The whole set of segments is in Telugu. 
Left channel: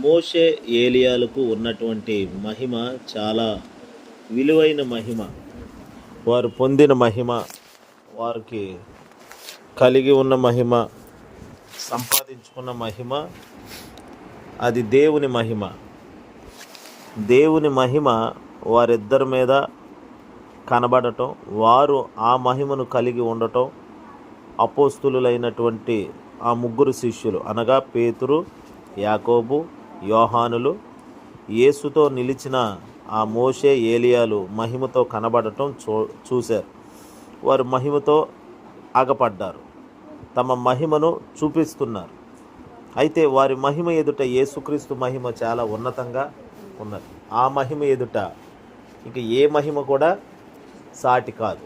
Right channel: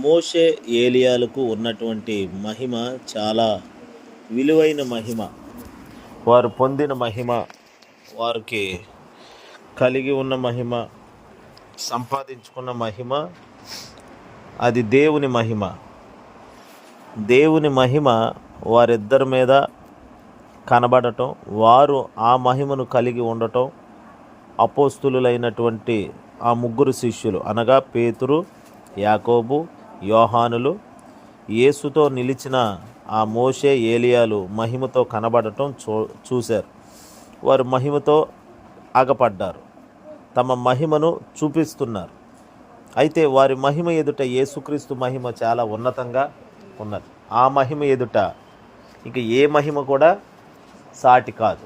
మోషే ఏలియాలకు ఉన్నటువంటి మహిమ చాలా విలువైన మహిమ. వారు పొందిన మహిమ, వారికి కలిగి ఉన్న మహిమ, సంపాదించుకున్న మహిమ, అది దేవుని మహిమ. దేవుని మహిమ వారిద్దరి మీద కనబడటం, వారు ఆ మహిమను కలిగి ఉండటం, అపోస్తులైనటువంటి ఆ ముగ్గురు శిష్యులు అనగా పేతురు, యాకోబు, యోహానులు యేసుతో నిలిచిన ఆ మోషే ఏలియాలు మహిమతో కనబడటం చూశారు. వారు మహిమతో ఆగపడ్డారు, తమ మహిమను చూపిస్తున్నారు. అయితే వారి మహిమ ఎదుట యేసుక్రీస్తు మహిమ చాలా ఉన్నతంగా ఉన్నది. ఆ మహిమ ఎదుట ఇక ఏ మహిమ కూడా సాటి కాదు.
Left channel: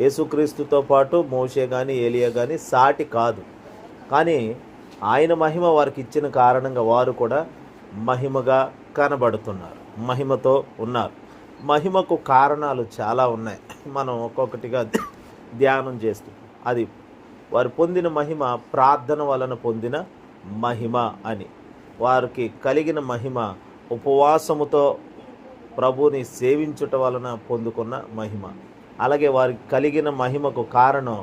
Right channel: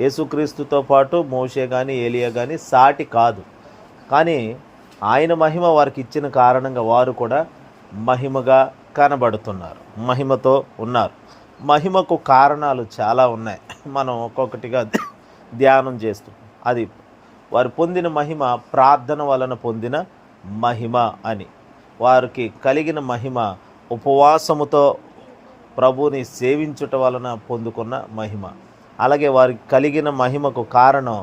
యేసుక్రీస్తుతో పాటు మోషే కానీ ఏలియా కానీ సాటి కాదు. కానీ ఆయన మహిమ వారికి ఇచ్చిన కారణంగా వారు కూడా మహిమగా కనబడుతున్నారు, మహిమతో ఉన్నారు. మహిమకు కారణాలు చాలా ఉన్నాయి, మనం ఒక్కొక్కటిగా ధ్యానం చేస్తూ. అది వారు పొందిన మహిమ ప్రార్థన వలన పొందిన మహిమ అని. వారికి కలిగిన మహిమ ఉపవాసముతో ప్రభువుని సేవించుట వలన పొందుకున్న మహిమ. అలాగే వారికి కలిగిన మహిమకు కారణం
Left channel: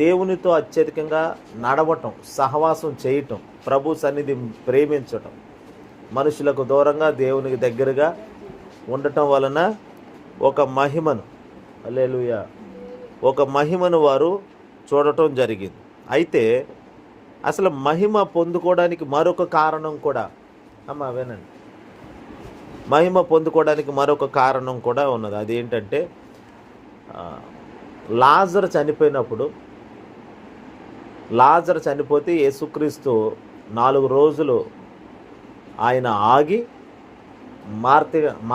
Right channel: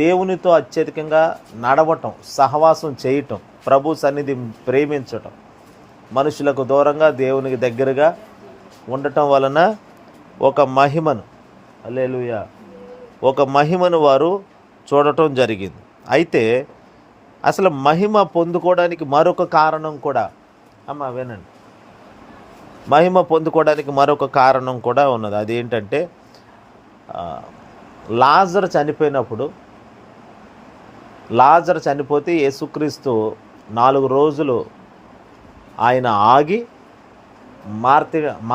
దేవునితో అత్యధికంగా నడవటం, సహవాసం చేయటం, ప్రభు సన్నిధి ప్రేమించటం, మనుషులకు దూరంగా దేవునికి దగ్గరగా ఉండటం వలన ఒక మహిమను, హల్లెలూయా, ఒక మహిమను వారు చూడటం జరిగింది. అయితే అసలు మహిమ పొందుకోవడానికి మరొక కారణం కూడా, వినండి, మహిమ పొందుకోవడానికి మరొక కారణం కూడా ఉన్నది. అదేంటంటే లాజరు చనిపోతే యేసుక్రీస్తు 4 రోజులు ఆయన ఆగి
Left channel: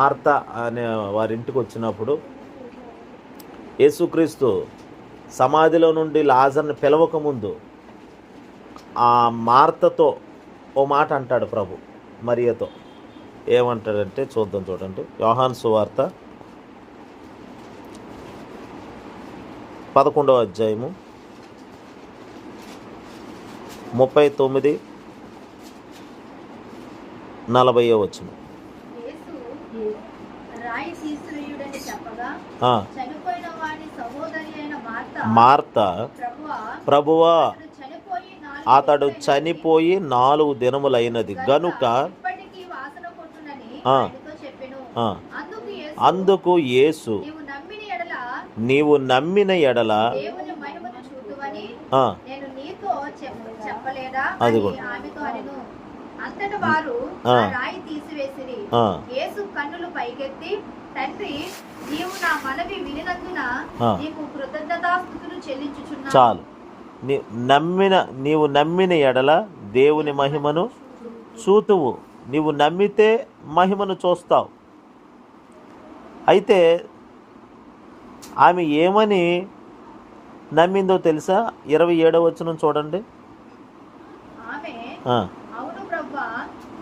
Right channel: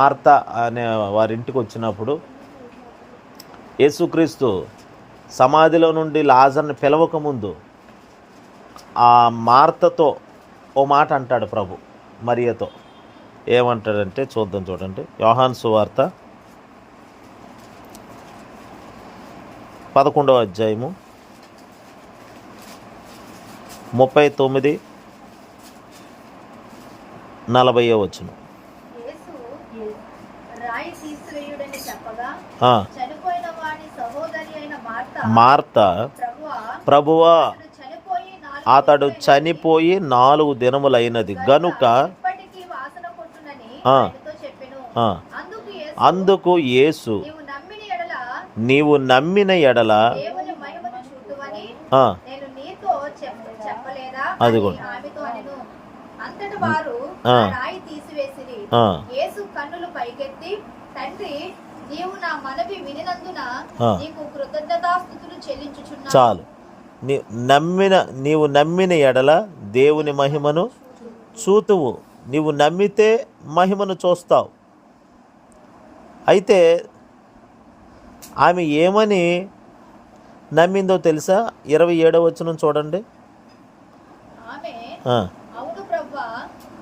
మార్త అనే వారింటికి వచ్చినప్పుడు యేసుక్రీస్తు సమాధిలో నుండి లాజర్ని పిలవకముందు ఆ మార్తతో ఓ మాట అంటాడు ప్రభు మరియతో. ఏమంటాడంటే చూడండి, యోహాను సువార్త 11వ అధ్యాయము 39-40 వచనం. మార్త, ప్రభువా అతడు చనిపోయి 4 దినములైనది గనుక అందుకు యేసు నీవు నమ్మిన ఎడల అదిగో అంతట వారు రాయి తీసివేసిరి. యేసు కన్నులు పైకెత్తి, తండ్రి, నీవు నా మనవి వినినందున నీకు కృతజ్ఞతాస్తుతులు చెల్లించుచున్నాను. చాలు. నీవు నమ్మిన ఎడల దేవుని మహిమను చూతువు. నీవు నమ్మితే మహిమను చూస్తావు. అయితే ఆమె ఏమని నమ్మిందో తెలుసా? 27వ వచనం చూడండి. అవును ప్రభువా,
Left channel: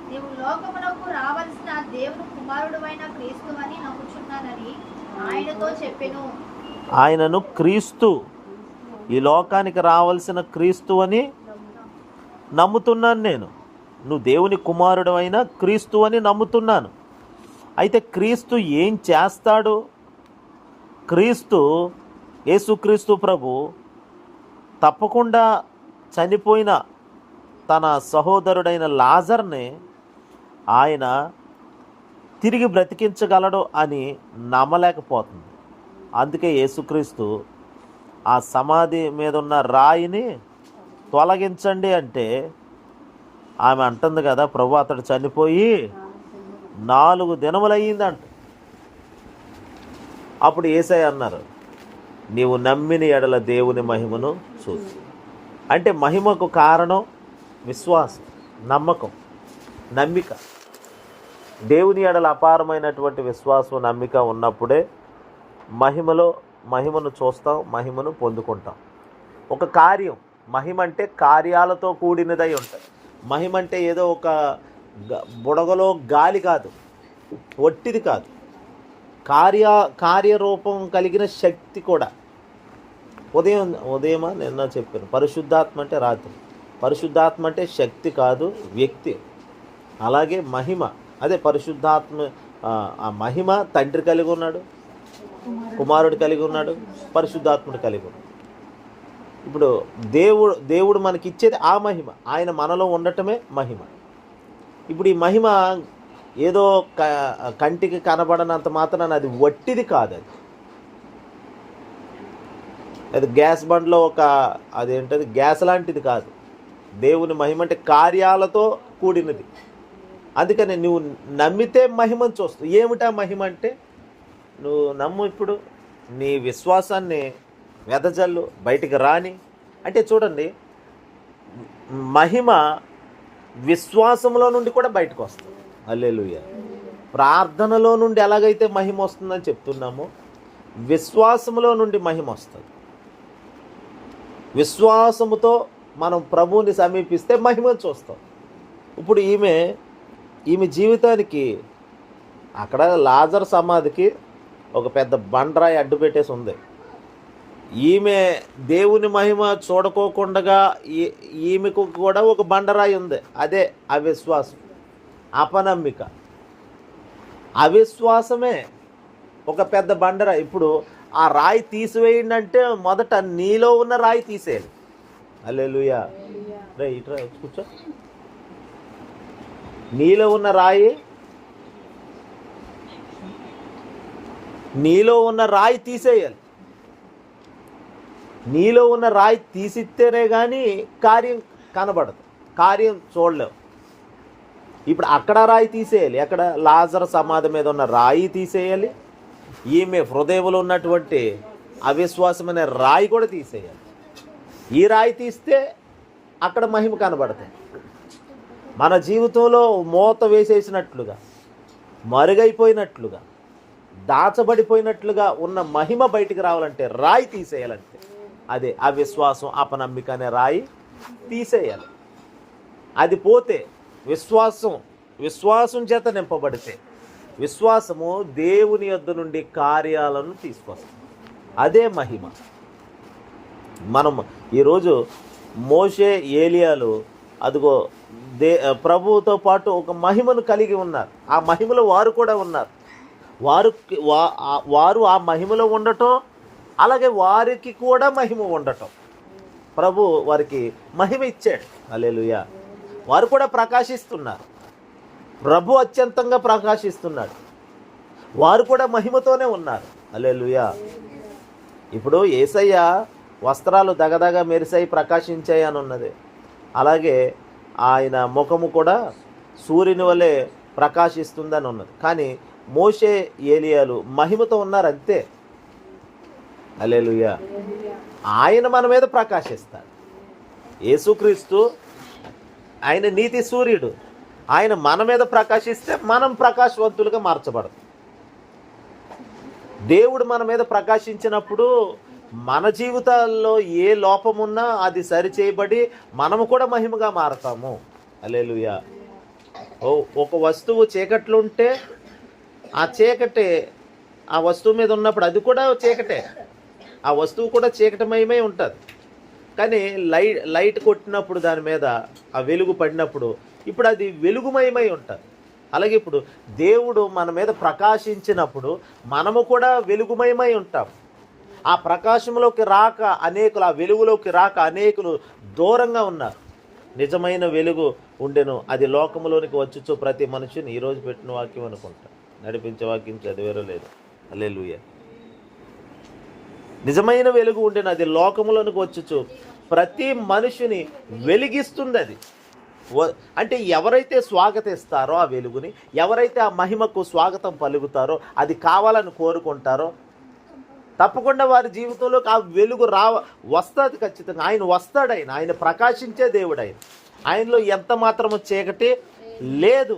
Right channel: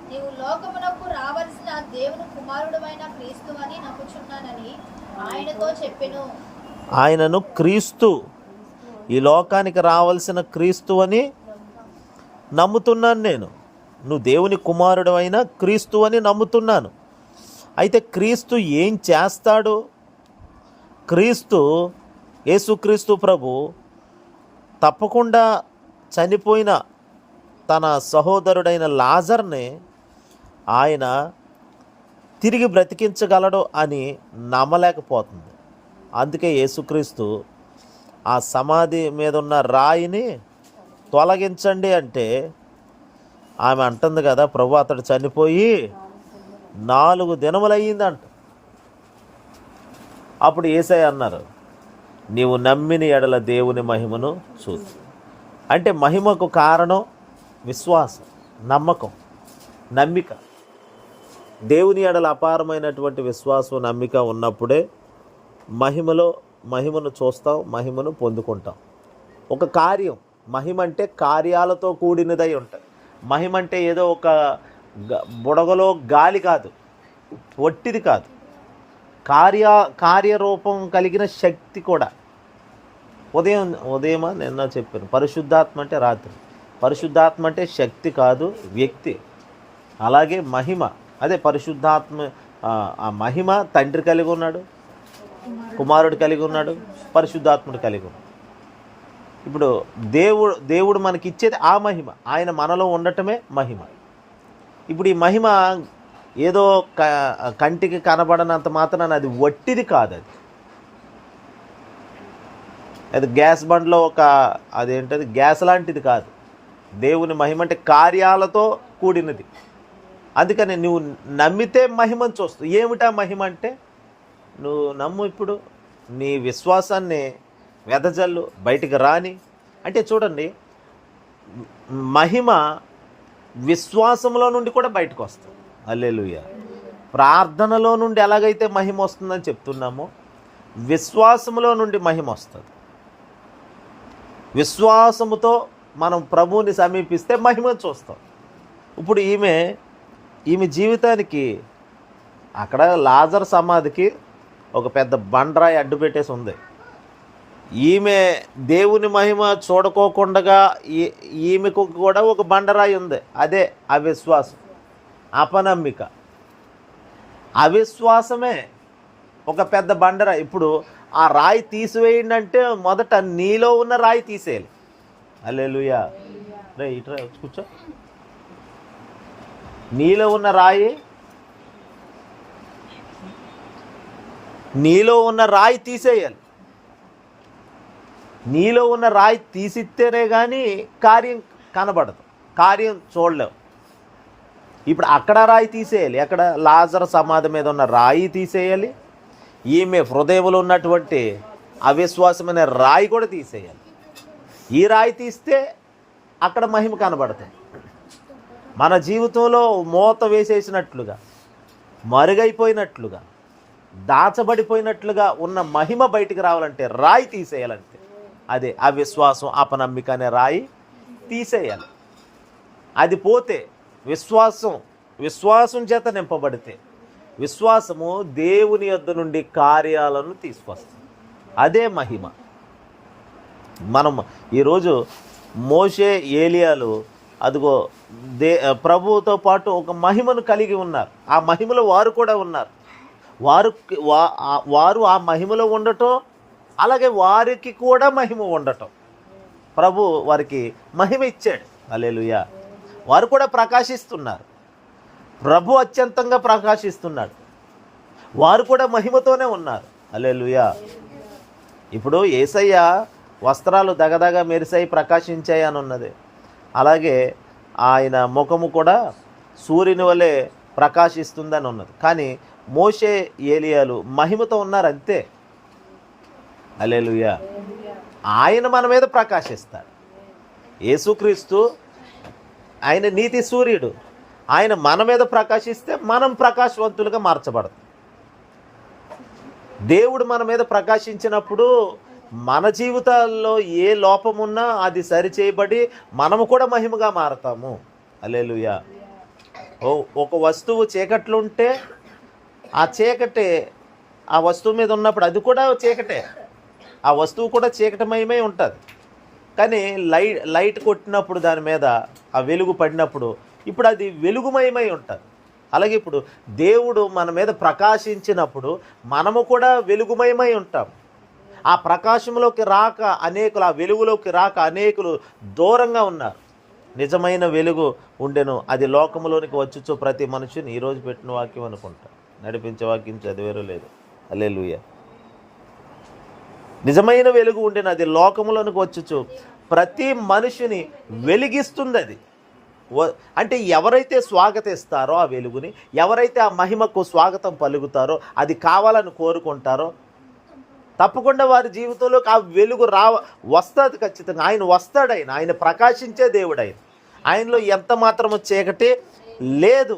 నీవు లోకమునకు రావలసిన దేవుని కుమారుడైన క్రీస్తువని నమ్ముచున్నానని ఆయనతో చెప్పెను. ఆయనను క్రీస్తు, ఈ లోకానికి రావాల్సిన క్రీస్తు అని నమ్ముతున్నాను నేను. నువ్వు దేవుని కుమారుడు అయిన క్రీస్తు అని నమ్ముతున్నాను. అయితే క్రీస్తు ఏం చేస్తాడు? క్రీస్తు, యేసుక్రీస్తు ప్రభు తప్పకుండా చనిపోయిన తన సహోదరుడైన లాజర్ని ఆయన తిరిగి బ్రతికించగలడు అని నమ్మలేకపోతుంది. అందుకే యేసుక్రీస్తు ఆ సమాధి మీద ఉన్న రాయిని తొలగించండి అంటే ఆమె అంటుంది కదా, ప్రభు అతడు చనిపోయి 4 దినములయ్యిందంట. అప్పుడు యేసయ్య అన్నారు, నీవు నమ్మిన ఎడల దేవుని మహిమను చూసు. అంటే మహిమకు కారణం విశ్వాసం, నమ్మకం, నమ్మిక. దేవుని ఎడల అపారమైనటువంటి విశ్వాసం, నమ్మిక ఉన్నప్పుడే మహిమను చూస్తాం, మహిమను పొందుకుంటాం. ఒక కార్యం, మహిమ అంటే కార్యాలతో కూడినదై ఉంటుంది. మహిమ అంటే ఏదో ఒక బుడగలో గాలి కాదు, ఒట్టిది కాదు, కార్యరూపం కలిగిన శక్తి కూడా. ఉదయమా నిన్న చెప్పాను, పరిశుద్ధాత్మ అంటే రాత్రి. పరిశుద్ధాత్మ అంటే శక్తి కాదు, వ్యక్తి. అలాగే మహిమ, అదే పరిశుద్ధాత్మ, ఆ మహిమ తండ్రి కలిగి ఉన్నాడు, కుమారుడు కలిగి ఉన్నాడు, పరిశుద్ధాత్ముడు కలిగి ఉన్నాడు. ఇప్పుడు దేవుడు మనకి ఇచ్చేది ఆ మహిమ, ఆయన మనలో ఉండటమే మహిమ. ఇప్పుడు ఈ మహిమ ఏదో కంటికి కనబడనంత మాత్రాన అది వట్టిది కాదు. అది గ్యాస్ బండ్లో అదేంటది గ్యాస్ లాంటిది కాదు. దేవుని మహిమ అంటే కార్యాలతో కూడినది. అందుకని నువ్వు నమ్మితే మహిమను చూస్తావు. ఏమిటా మహిమ అంటే, నువ్వు నమ్ము, ఇప్పుడు నీ విశ్వాసాన్ని వెదజల్లు, బయటికి రాని. అంటే చూడండి, మహిమ విశ్వాసంలో నుండి కూడా బయటకు వస్తుంది. హల్లెలూయా. ప్రార్థనలో నుండి ఎలాగైతే మహిమ వస్తుందని చెప్తున్నామో, విశ్వాసంలో నుండి మహిమ వస్తుంది. విశ్వాసముతో మనం ప్రభువుని సమీపిస్తే మహిమను చూస్తాం. ఇప్పుడు ఈమె జీవితానికి అక్కడ లాజర్ సమాధికి ఒక పెద్ద బండరాయి అడ్డు పెట్టేసి ఉంది. ఈమె దేవుని మహిమ చూడకోకుండా ఈమెకు కూడా ఒక బండరాయి ఉంది. అదే అవిశ్వాసం, అపనమ్మిక. అవిశ్వాసమే ఒక పెద్ద బండరాయి. ఇప్పుడు ఆ రాయి తీసివేయండి అంటే మొదట నీలో ఉన్న రాయి తీసేయాలి. హల్లెలూయా. రే ఇట్రా కూర్చో. నీలో ఉన్న రాయి తీసేయాలి. నీలో ఉన్న రాయి తీసిస్తేనే కానీ కార్యం కనబడదు, కార్యం చూడలేవు. ఇప్పుడు అక్కడ రాయి తీసేయాలి. అక్కడ లాజర్ సమాధి మీద ఉన్న రాయి తీసేయాలి. ఈమె హృదయంలో ఉన్నటువంటి అవిశ్వాసమైన రాయి కూడా తీసేయాలి. ఈ రాయి తీస్తే అక్కడ మహిమ కనబడుతుంది. మన జీవితంలో మూత వేసేసినట్లుగా, మరుగైపోయినట్లుగా, దాచబడిపోయినట్లుగా ఉన్న మహిమ బయటికి రావాలంటే రాయి తీసేయాలంటే అదే అవిశ్వాసం, అపనమ్మిక అనే రాయి తీసేయాలి. అది పోతే విశ్వాసం చేత నింపబడితే, విశ్వాసము దేవుని యొద్ద నుండి కార్యాలను తీసుకొస్తుంది. అదే మహిమ. మనం ఈరోజు మోషే, ఏలియాలు అదిగో ప్రభువుతో పాటు ఒక మహిమను కలిగి ఉన్నారు. ఆ మహిమలో వారు కూడా ఉన్నారు. వారు ఆ మహిమలో ఉండటం, అలాగే వారికి కూడా మహిమ ఉండటం. ప్రభు వారికి మహిమ ఇచ్చాడు. హల్లెలూయా. వారు కూడా ప్రకాశిస్తున్నారు. ప్రభు అత్యంతంగా ప్రకాశిస్తున్నాడు. వారు కూడా మహిమతోనే ఉన్నారు. హల్లెలూయా. ఇప్పుడు యేసయ్య వస్త్రాలు దగదగ మెరిసాయి, ప్రకాశించాయి అని ఉన్నది. అలాగే ఆయన ముఖము కూడా సూర్యుని వలె ప్రకాశిస్తుందని ఉన్నది. కానీ మోషే, ఏలియాలు మహిమతో ఉన్నారు అంతే. హల్లెలూయా. ఆయన మన మీద ప్రకాశిస్తాడు. యేసుక్రీస్తు ఆయన నీతి సూర్యుడు. ఆయన మన మీద ప్రకాశిస్తే మనం ప్రకాశవంతులుగా మార్చబడతాం. దేవుడు మన మీద ప్రకాశించినప్పుడు మన జీవితాల్లో ఏ లోపమున్నా అది సరిచేయబడి మనము కూడా మహిమగా మారతాము. హల్లెలూయా. ఒక వస్తువు చీకట్లో ఉంటే ఆ చీకటి ఆ వస్తువు మీద ఉన్నప్పుడు అది కూడా చీకటే. ఆ వస్తువు కూడా చీకటమయమై ఉంటుంది. కానీ లైట్ కొట్టినప్పుడు దాని మీద ఆ వెలుగు పడినప్పుడు ఇప్పుడు అది వెలుగుమయమై ఉంటుంది. అలాగే ఇప్పుడు దేవుడు మన మీద ప్రకాశించినప్పుడు మనము కూడా వెలుగుమయమై ఉంటాం. ఆ ప్రకాశంలోకి రాక అనేకులు, ఆ వెలుగులోకి రాక అనేకులు దూరంగా ఉన్నారు. నిజమైన వెలుగు ఉండెను, అది లోకంలోనికి వచ్చుచు ప్రతి మనిషిని. ఈరోజు పెట్టిన వాక్యం అనుకుంటా, నడిపించే వాక్యం చదివేరో లేదు. హల్లెలూయా. నిజమైన వెలుగు ఉండెను, అది లోకంలోనికి వచ్చుచు ప్రతి మనిషిని వెలిగిస్తుంది. అది అంటే ఎవరైతే స్వాగతిస్తారో ఆ వెలుగుని, ఎవరైతే ఆ మహిమకు స్వాగతం పలుకుతారో, అది కావాలని కోరుకుంటారో, తప్పకుండా వారి జీవితంలోకి ఆ వెలుగు వస్తుంది ఖచ్చితంగా. ఆయన వస్తాడు. ఆయన ప్రకాశించే దేవుడు. ఆయనలో ఎంత మాత్రము చీకటి లేదు,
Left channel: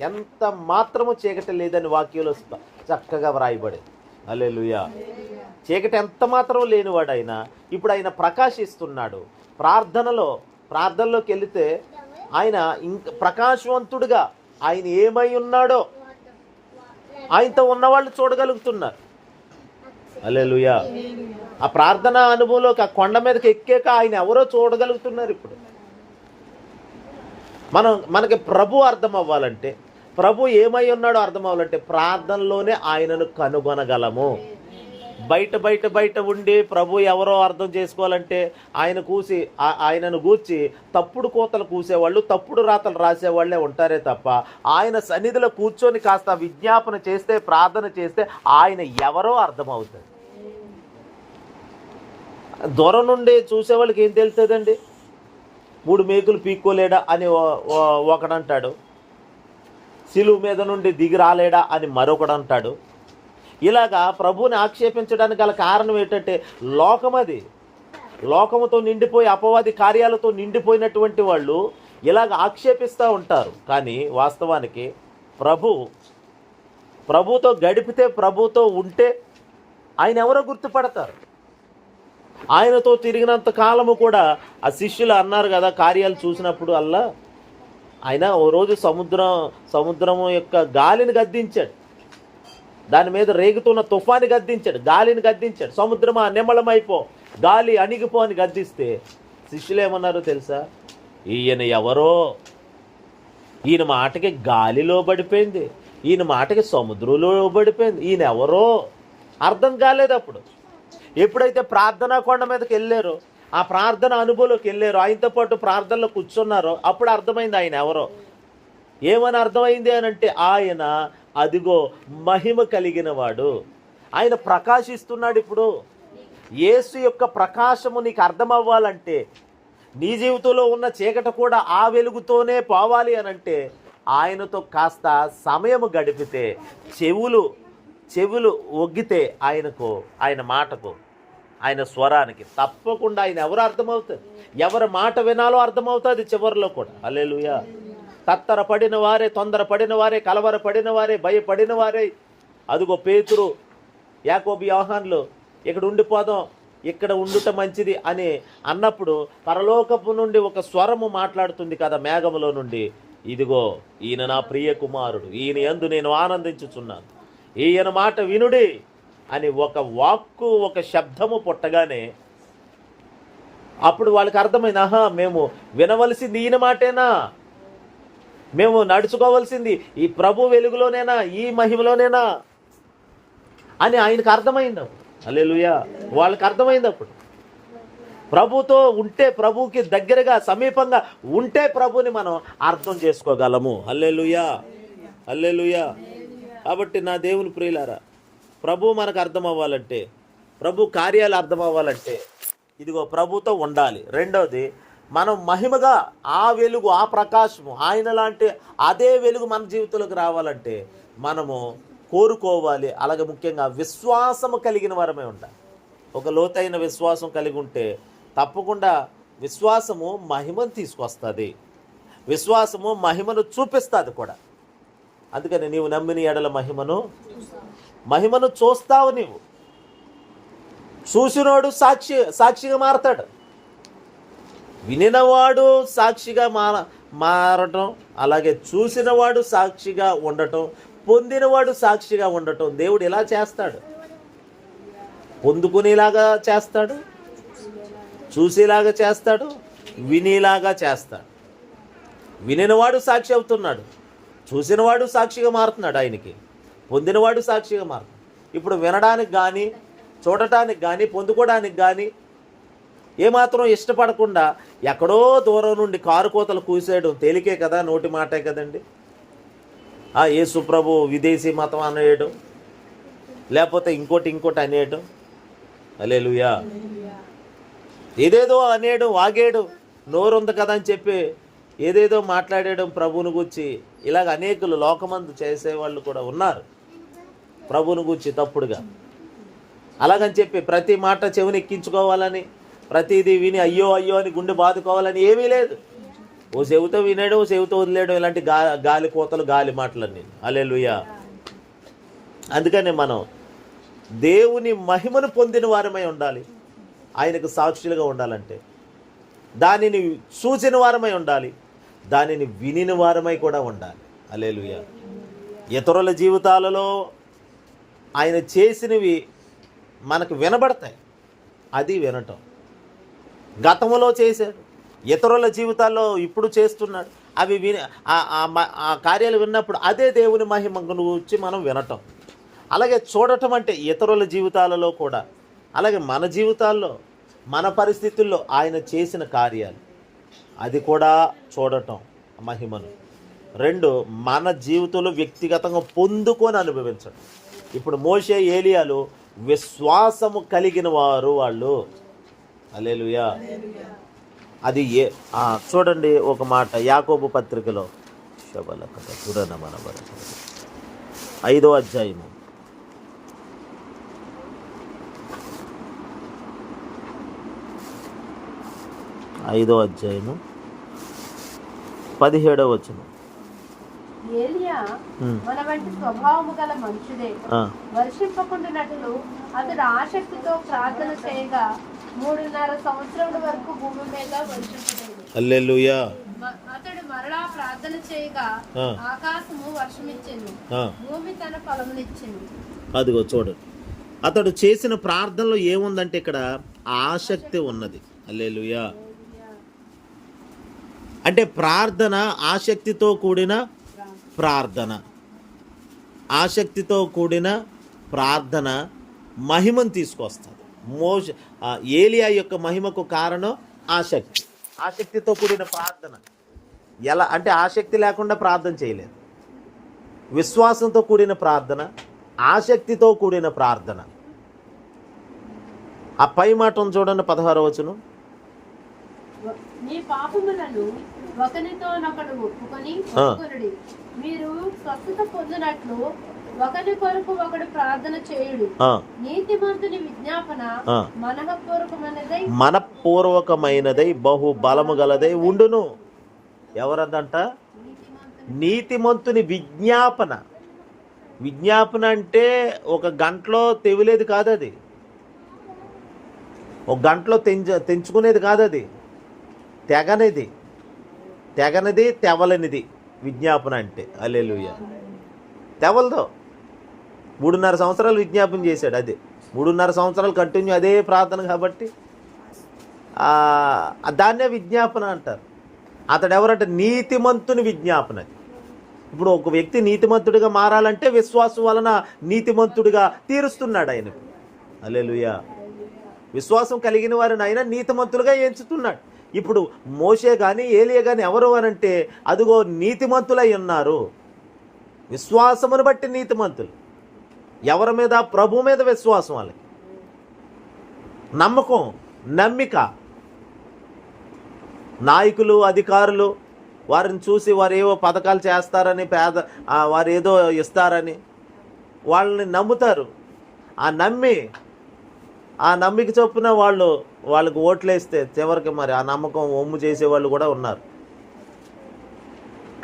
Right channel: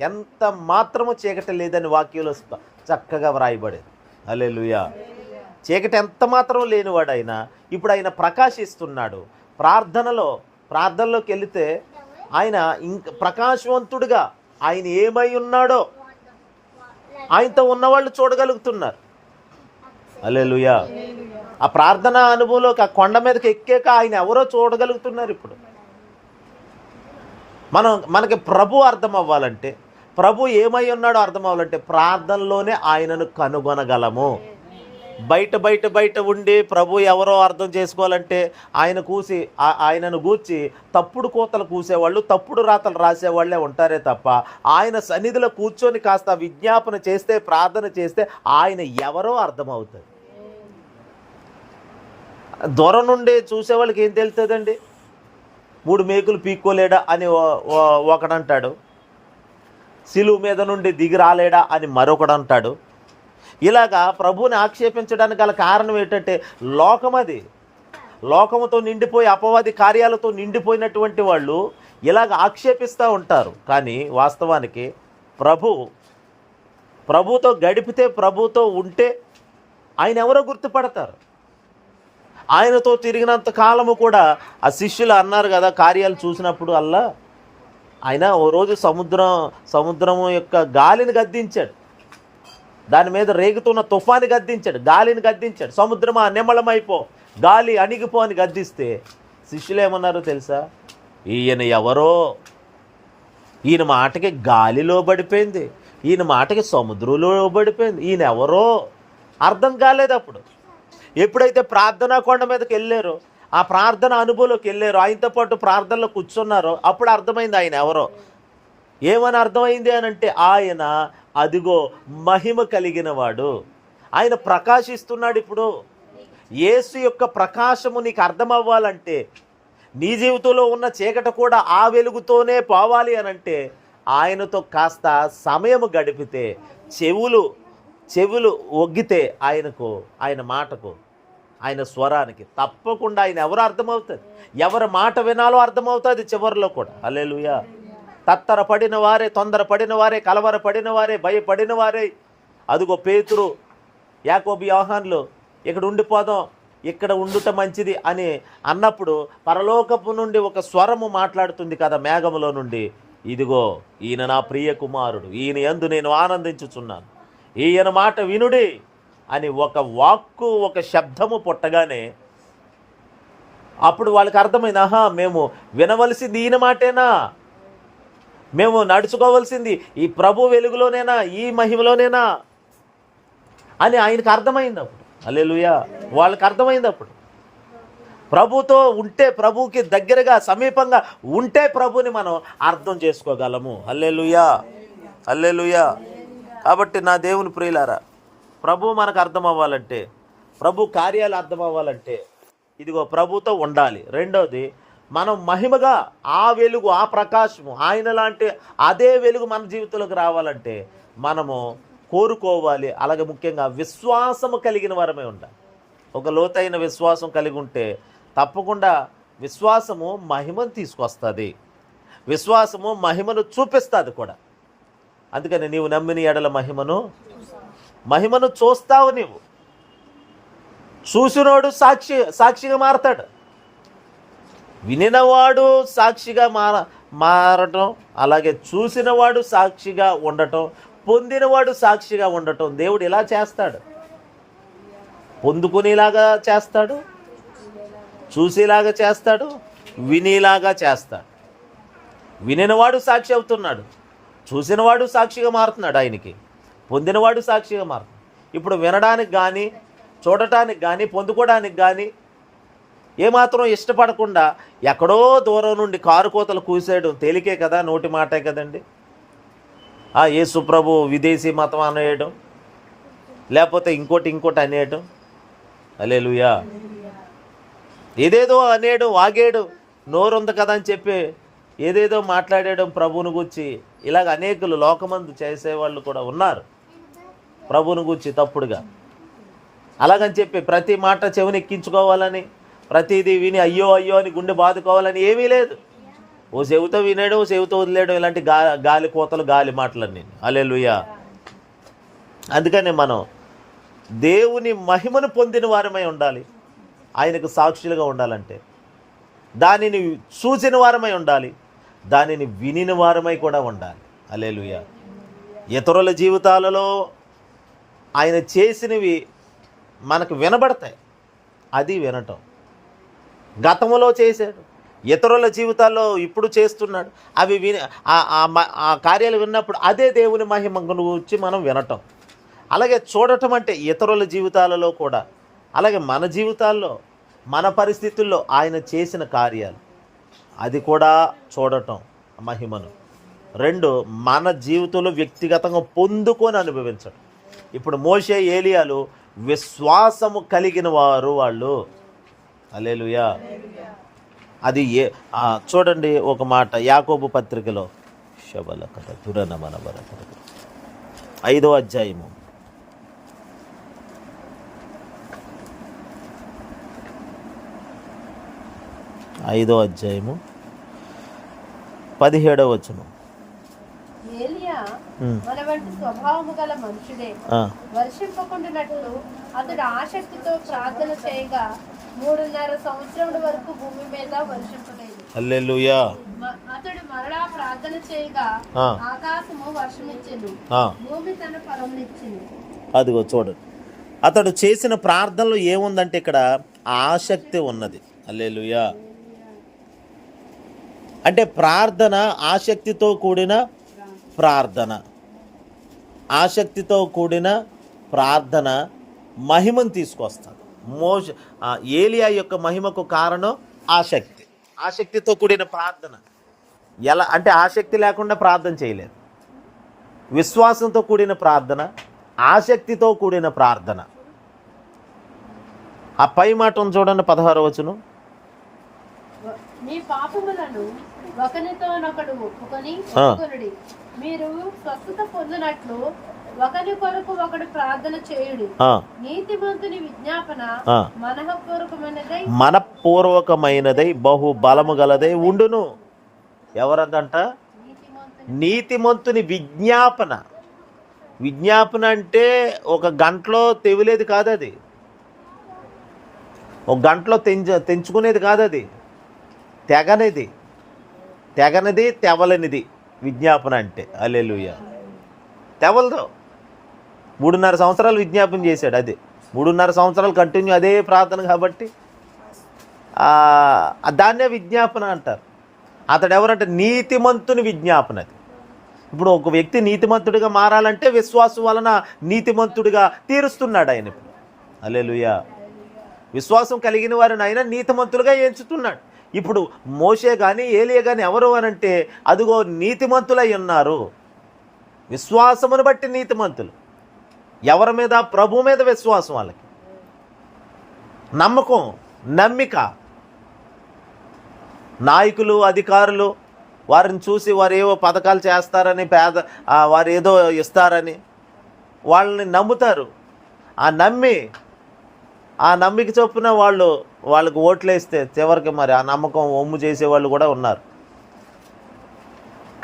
ఎంత మాత్రము చీకటి లేదని వాక్యంలో చక్కగా వ్రాయబడేది. హల్లెలూయా. చీకటి ఎంత మాత్రం లేనివాడు ఆయన. ఇప్పుడు ఆయన ప్రకాశిస్తున్నాడు. ప్రార్థనలోకి వెళితే ఆయన ఇంక ప్రకాశవంతుడుగా ఆయన ఏమై ఉన్నాడో ఆయనతో ఉన్నవాళ్ళు చూడగలుగుతున్నారు. హల్లెలూయా. ఆ ప్రార్థన అనుభవంలోకి ఆ కొండ మీదకి ఎక్కాక ఆయన ఎవరో చూడగలుగుతున్నారు. ఇప్పుడు మనకి ప్రభు అర్థం అవ్వాలంటే, ప్రభు ఏమై ఉన్నాడో అర్థం అవ్వాలంటే ప్రార్థనలోనే ఆయనను కనుగొనగలము. బయట ఉండి ప్రభు ఎవరో అర్థం చేసుకోవాలంటే ఆయనను గూర్చి తప్పుడు కోతలు కూసేవాళ్ళు, తప్పుడు రాతలు రాసేవాళ్ళే ఉంటారే తప్ప, ఆయన సన్నిధిలో కూర్చొని కాస్త విజ్ఞాపన చేస్తే, ప్రార్థన చేస్తే ఆయన ఎవరో అర్థమవుతుంది. దూరం నుండి చూసేవాళ్ళకి ఏం తెలుస్తుందండి? 3 మేకులు పీక్కోలేడా అని ఒకడంటాడు, సిలువ మీద నుండి దిగి రాలేడా అని మరొకడు అంటాడు. ఇలాగా ప్రభువుని ఆక్షేపించడానికి గల కారణం ఏంటంటే లోకమది. లోకముతో నిండిపోయి అపవాది కార్యాలతో నిండిపోయినటువంటి వాళ్ళు ఇలాగ ఆక్షేపిస్తూ ఉంటారు. కానీ వాస్తవానికి ప్రభుతో గడిపితే, ప్రభుతో ఉంటే ఆయన ఎవరో గుర్తుపడతారు. ఆయనతో తిరిగినంత కాలము కూడా ఆ శిష్యులు అన్నారు కదా, కార్యాలు చూసినప్పుడు ఆయన ఓ రోజు సముద్రము యొక్క గాలిని గద్దించాడు, దాని మీద రేగుతున్న తుఫాని గద్దించాడు, గాలిని గద్దించాడు. సముద్రమా నిమ్మళమైపో, గాలి అణిగిపో అని గద్దిస్తే శిష్యులు ఏమన్నారో తెలుసా? ఈయన ఎవరో, ఈయన మాటకి గాలిలో పడిపోయింది, ఈయన మాటకి సముద్రంలో పడిపోయింది, ఈయన ఎవరో అర్థం కాలేదు. అప్పుడు ఎప్పుడైతే ప్రార్థనా కొండ మీదకి వెళ్ళారో, ఆ ప్రార్థన అనుభవంలోకి వెళ్ళారో, ఆయనతో పాటు ప్రార్థనలో కూర్చున్నారో, అప్పుడు అర్థమైంది ఆయన ఎవరో. ఏమని అర్థమైంది అని అంటే, ఆయన అదిగో మహిమ కలిగిన వాడు, ఆయన ప్రకాశిస్తున్నాడు. ఇప్పుడు యేసు యొక్క ప్రకాశము నీకు అర్థం అవ్వాలంటే, నీ జీవితంలో ఉన్న చీకటి కూడా ఆ వెలుగుతోనే పోవాలి అనంటే, ఆయనతో కాస్త సమయము గడిపితే, చెవులు ఒగ్గితే ఆయన మాటకు, ఆయన స్వరానికి తప్పకుండా ఆయన ఎవరు అర్థమవుతుంది, ఎవరి మాట వినాలో అర్థమవుతుంది చివరిలో కూడా. హల్లెలూయా. తత్తరపడిన వారే, తొందరపడిన వారే, కలవరపడిన వారే, భయపడిన వారే, అదిగో పేతురు, యాకోబు, యోహాన్లు ఇక్కడ ఉండిపోదాం, ఇక్కడ ఉండుట మంచిది అని అన్నప్పుడు పరలోకపు నుండి ఒక స్వరము మాట్లాడుతుంది కదా మేఘములో నుండి, ఇదిగో ఈయన నా ప్రియ కుమారుడు, ఈయన యందు నేను ఆనందించుచున్నాను, ఈయన మాట వినుడి అని ఒక వాక్కు, ఒక శబ్దము పుట్టగానే అప్పుడు వాళ్ళకి అర్థమైంది, ఆహా మేము వినవలసింది ఈయన మాటేనా, మేము నడుచుకోవాల్సింది ఈ ప్రభు వెలుగులోనేనా, ఈ మహిమలోనేనా అని ఆయనకు అర్థమైంది. అప్పుడు హల్లెలూయా, వాళ్ళకి అర్థమైంది. అప్పుడు ప్రభుతో ఉంటే, ప్రభుకి దగ్గరగా సమీపంగా ఉంటే ప్రభుని మనం అర్థం చేసుకోగలము. హల్లెలూయా, హల్లెలూయా. కాబట్టి నా దేవుని ప్రియులారా, ప్రభు మనకు అర్థం అవ్వాలంటే, ప్రభు కార్యాలు అర్థం అవ్వాలంటే ఇదిగో ప్రభుతో ఉండాలి. రెండవది, మనం మహిమగా ఆ వెలుగు, ఆ ప్రకాశము, ఆయన లాంటి అదే వెలుగు మన జీవితంలోకి రావాలంటే మనము కోరుకోవాలి. అలాగే ముఖ్యంగా విశ్వాసము కలిగిన వారమే ఉండాలి. ఒక లోతైన విశ్వాసం కలిగి ఉంటే తప్పకుండా విశ్వాసము మహిమను తీసుకొస్తుంది, విశ్వాసము మహిమను చూపిస్తుంది కూడా. అందుకని నీవు నమ్మిన ఎడల మహిమను చూస్తావు. నీవు చూసినోడు సాక్షిగా మారతాడు, వినినవాడు సాక్షిగా మారటం, అలాగే చూసినవాడు సాక్షిగా ఉండటం, పొందినవాడు సాక్షిగా ఉండటం దేవుడు ఇలా చేస్తాడు. పొందుకునేలాగా చేస్తాడు, చూసేలాగా చేస్తాడు, వినేలాగా చేస్తాడు. వినినవాడు సాక్షి అవుతున్నాడు, చూసినవాడు సాక్షిగా మారుతున్నాడు, ఆయనకి పొందినవాడు సాక్షిగా మారుతున్నాడు. ఇప్పుడు వినడానికి కానీ, చూడటానికి కానీ, పొందుకోవడానికి కానీ ఏమాత్రం ఇష్టపడకుండా ఎక్కడో దూరం నుండి కారు కోతలు కూసేయడం తేలికే కదా, నోటి మాటే కదండి. యేసు ప్రభు విదేశీ మతం అనేయడం, లేకపోతే ఇంకోటి అనేయడం. హల్లెలూయా. ఏదేదో అనేయడం, వాగేయడం, నోరుంది కదా అని చెప్పి ఏదేదో మాట్లాడేయడం ప్రభువును గురించి. ఇలాగ అనేకులు లోకమందు చేసేవాళ్ళు కూడా ఉన్నారు, ప్రభువును గురించి తప్పుడుగా. అలాగని చెప్పి ప్రతి మాట చెవిని ఎక్కించుకోవాలని, ప్రతిదీ విని అయ్యో అని గుండె బాదుకోవాలని ఏమీ లేదు. ఓ చెవితో వినేయడం, ఓ చెవితో వదిలేయడం, ఇలాంటి గాలి పోతలు, గాలి మాటలన్నీ. హల్లెలూయా. అందుకని మనం దేవుని మహిమను పొందిన వారమై ఉండాలి. ఆయనకు సాక్షులుగా ఉండాలంటే దానిని చూసిన వారమై ఉండాలి, దానిని వినిన వారమై కూడా ఉండాలి. హల్లెలూయా. ఇతరుల జీవితాలలో ఆయన చేసినవి మనకు వినబడతాయి, అది వినటం. గతంలో చేశాడు, ఇతరుల జీవితాల్లో ఇప్పుడు చేస్తున్నాడు, అవి విని ఆ కార్యాలు విన్నప్పుడు అదే దేవుని మహిమ గురించి మనం వినటం. అలాగే చూడటం అంటే ఇతరుల జీవితాలలో కూడా, అలాగే మన జీవితాల్లో మన పరిస్థితుల్లో ఆయన చేసిన కార్యాలు అది కూడా చూడటం మహిమను. 2 మన జీవితంలో వ్యక్తిగతంగా పొందుకొని అనుభవించడం. ఇప్పుడు మోషే ఏలియాలు విశ్వాసము కలిగిన వారు వాళ్ళు. హల్లెలూయా. అది చూడండి ఒక మాట యాకోబు పత్రికలో శబలకథ చూడన మన 5వ అధ్యాయము 17వ వచనం. ఏలియా మన వంటి స్వభావము గల మనుషుడే. వర్షింపకుండానట్లు అతడు ఆసక్తితో ప్రార్థన చేయగా 3.5 సంవత్సరముల వరకు భూమి మీద వర్షింపలేదు. హల్లెలూయా. అతడు మరలా ప్రార్థన చేయగా ఆకాశము వర్షమిచ్చింది, భూమి తన ఫలమునిచ్చింది. అదిగో చూడండి, అతడు చేసిన ప్రార్థనలో ఏముందంటే ఇక్కడ ఆసక్తి ఉన్నది. హల్లెలూయా. అంటే ప్రార్థన ఆసక్తితో కూడిన ప్రార్థన. ఆసక్తితో కూడిన ప్రార్థన మహిమను తీసుకొస్తుంది. ఏలియా యొక్క మహిమకు కారణం ఆసక్తి. ఆసక్తితో కూడిన ప్రార్థన. ఎలా అంటే ఆసక్తి లేకుండా ప్రార్థన చేయలేదు. విశ్వాసంతో కూడిన ప్రార్థన, ఆసక్తితో కూడిన ప్రార్థన. ఆ పై మాటను చూడండి, 16వ వచనం. మీ పాపములను ఒకనితోనొకడు ఒప్పుకొనుడి, మీరు స్వస్థత పొందినట్లు ఒకరి కొరకు ఒకడు ప్రార్థన చేయుడి. నీతిమంతుని విజ్ఞాపన మనఃపూర్వకమైనదై బహు బలము గలదై ఉండును. ఎవరదంట? నీతిమంతుని విజ్ఞాపన. విజ్ఞాపన అంటే ఒక గంటలో తెవిలేది కాదు, అది ఒక గంటలో తెంచుకునేది కాదు, అది తెగనిది తెవలనిది విజ్ఞాపన అంటే. హల్లెలూయా. తెవలదు. 3.5 సంవత్సరాలు విజ్ఞాపన చేశాడు. అదే 3.5 సంవత్సరాలు కంటిన్యూ అదే ప్రార్థన కాబట్టి దాన్నే విజ్ఞాపన అంటారు. అతడు ఎవరంటే నీతిమంతుని విజ్ఞాపన. అది ఇప్పుడు ఒక వ్యక్తి నీతిమంతుడిగా మారాలంటే విశ్వాసం వలన నీతిమంతుడిగా తీరుస్తున్నాడు ఆయన. హల్లెలూయా. విశ్వాసం కలిగిన వారిని ఆయన నీతిమంతులుగా ఎంచుతున్నాడు. ఇప్పుడు మోషే కానీ ఏలియా కానీ ఎవరు అనంటే అదిగో నీతిమంతులై ఉన్నారు. విశ్వాసమును బట్టి నీతిమంతులు. ఎవరి మీద? ప్రభు మీద విశ్వాసం. వాళ్ళకి నమ్మకం, నమ్మిక. నాయకులు, అధికారులు వారిని చూసి వారు ఏవో పథకాలు చేస్తారని, వారు ఏదో ఇస్తారని వాళ్ళని నమ్ముతారు. ఆ నమ్మిక చొప్పున వాళ్ళకి ఓట్లేస్తే చివరికి మరి ఆ నమ్మకం ఒమ్ము చేసేవాళ్ళు కూడా ఉన్నారు.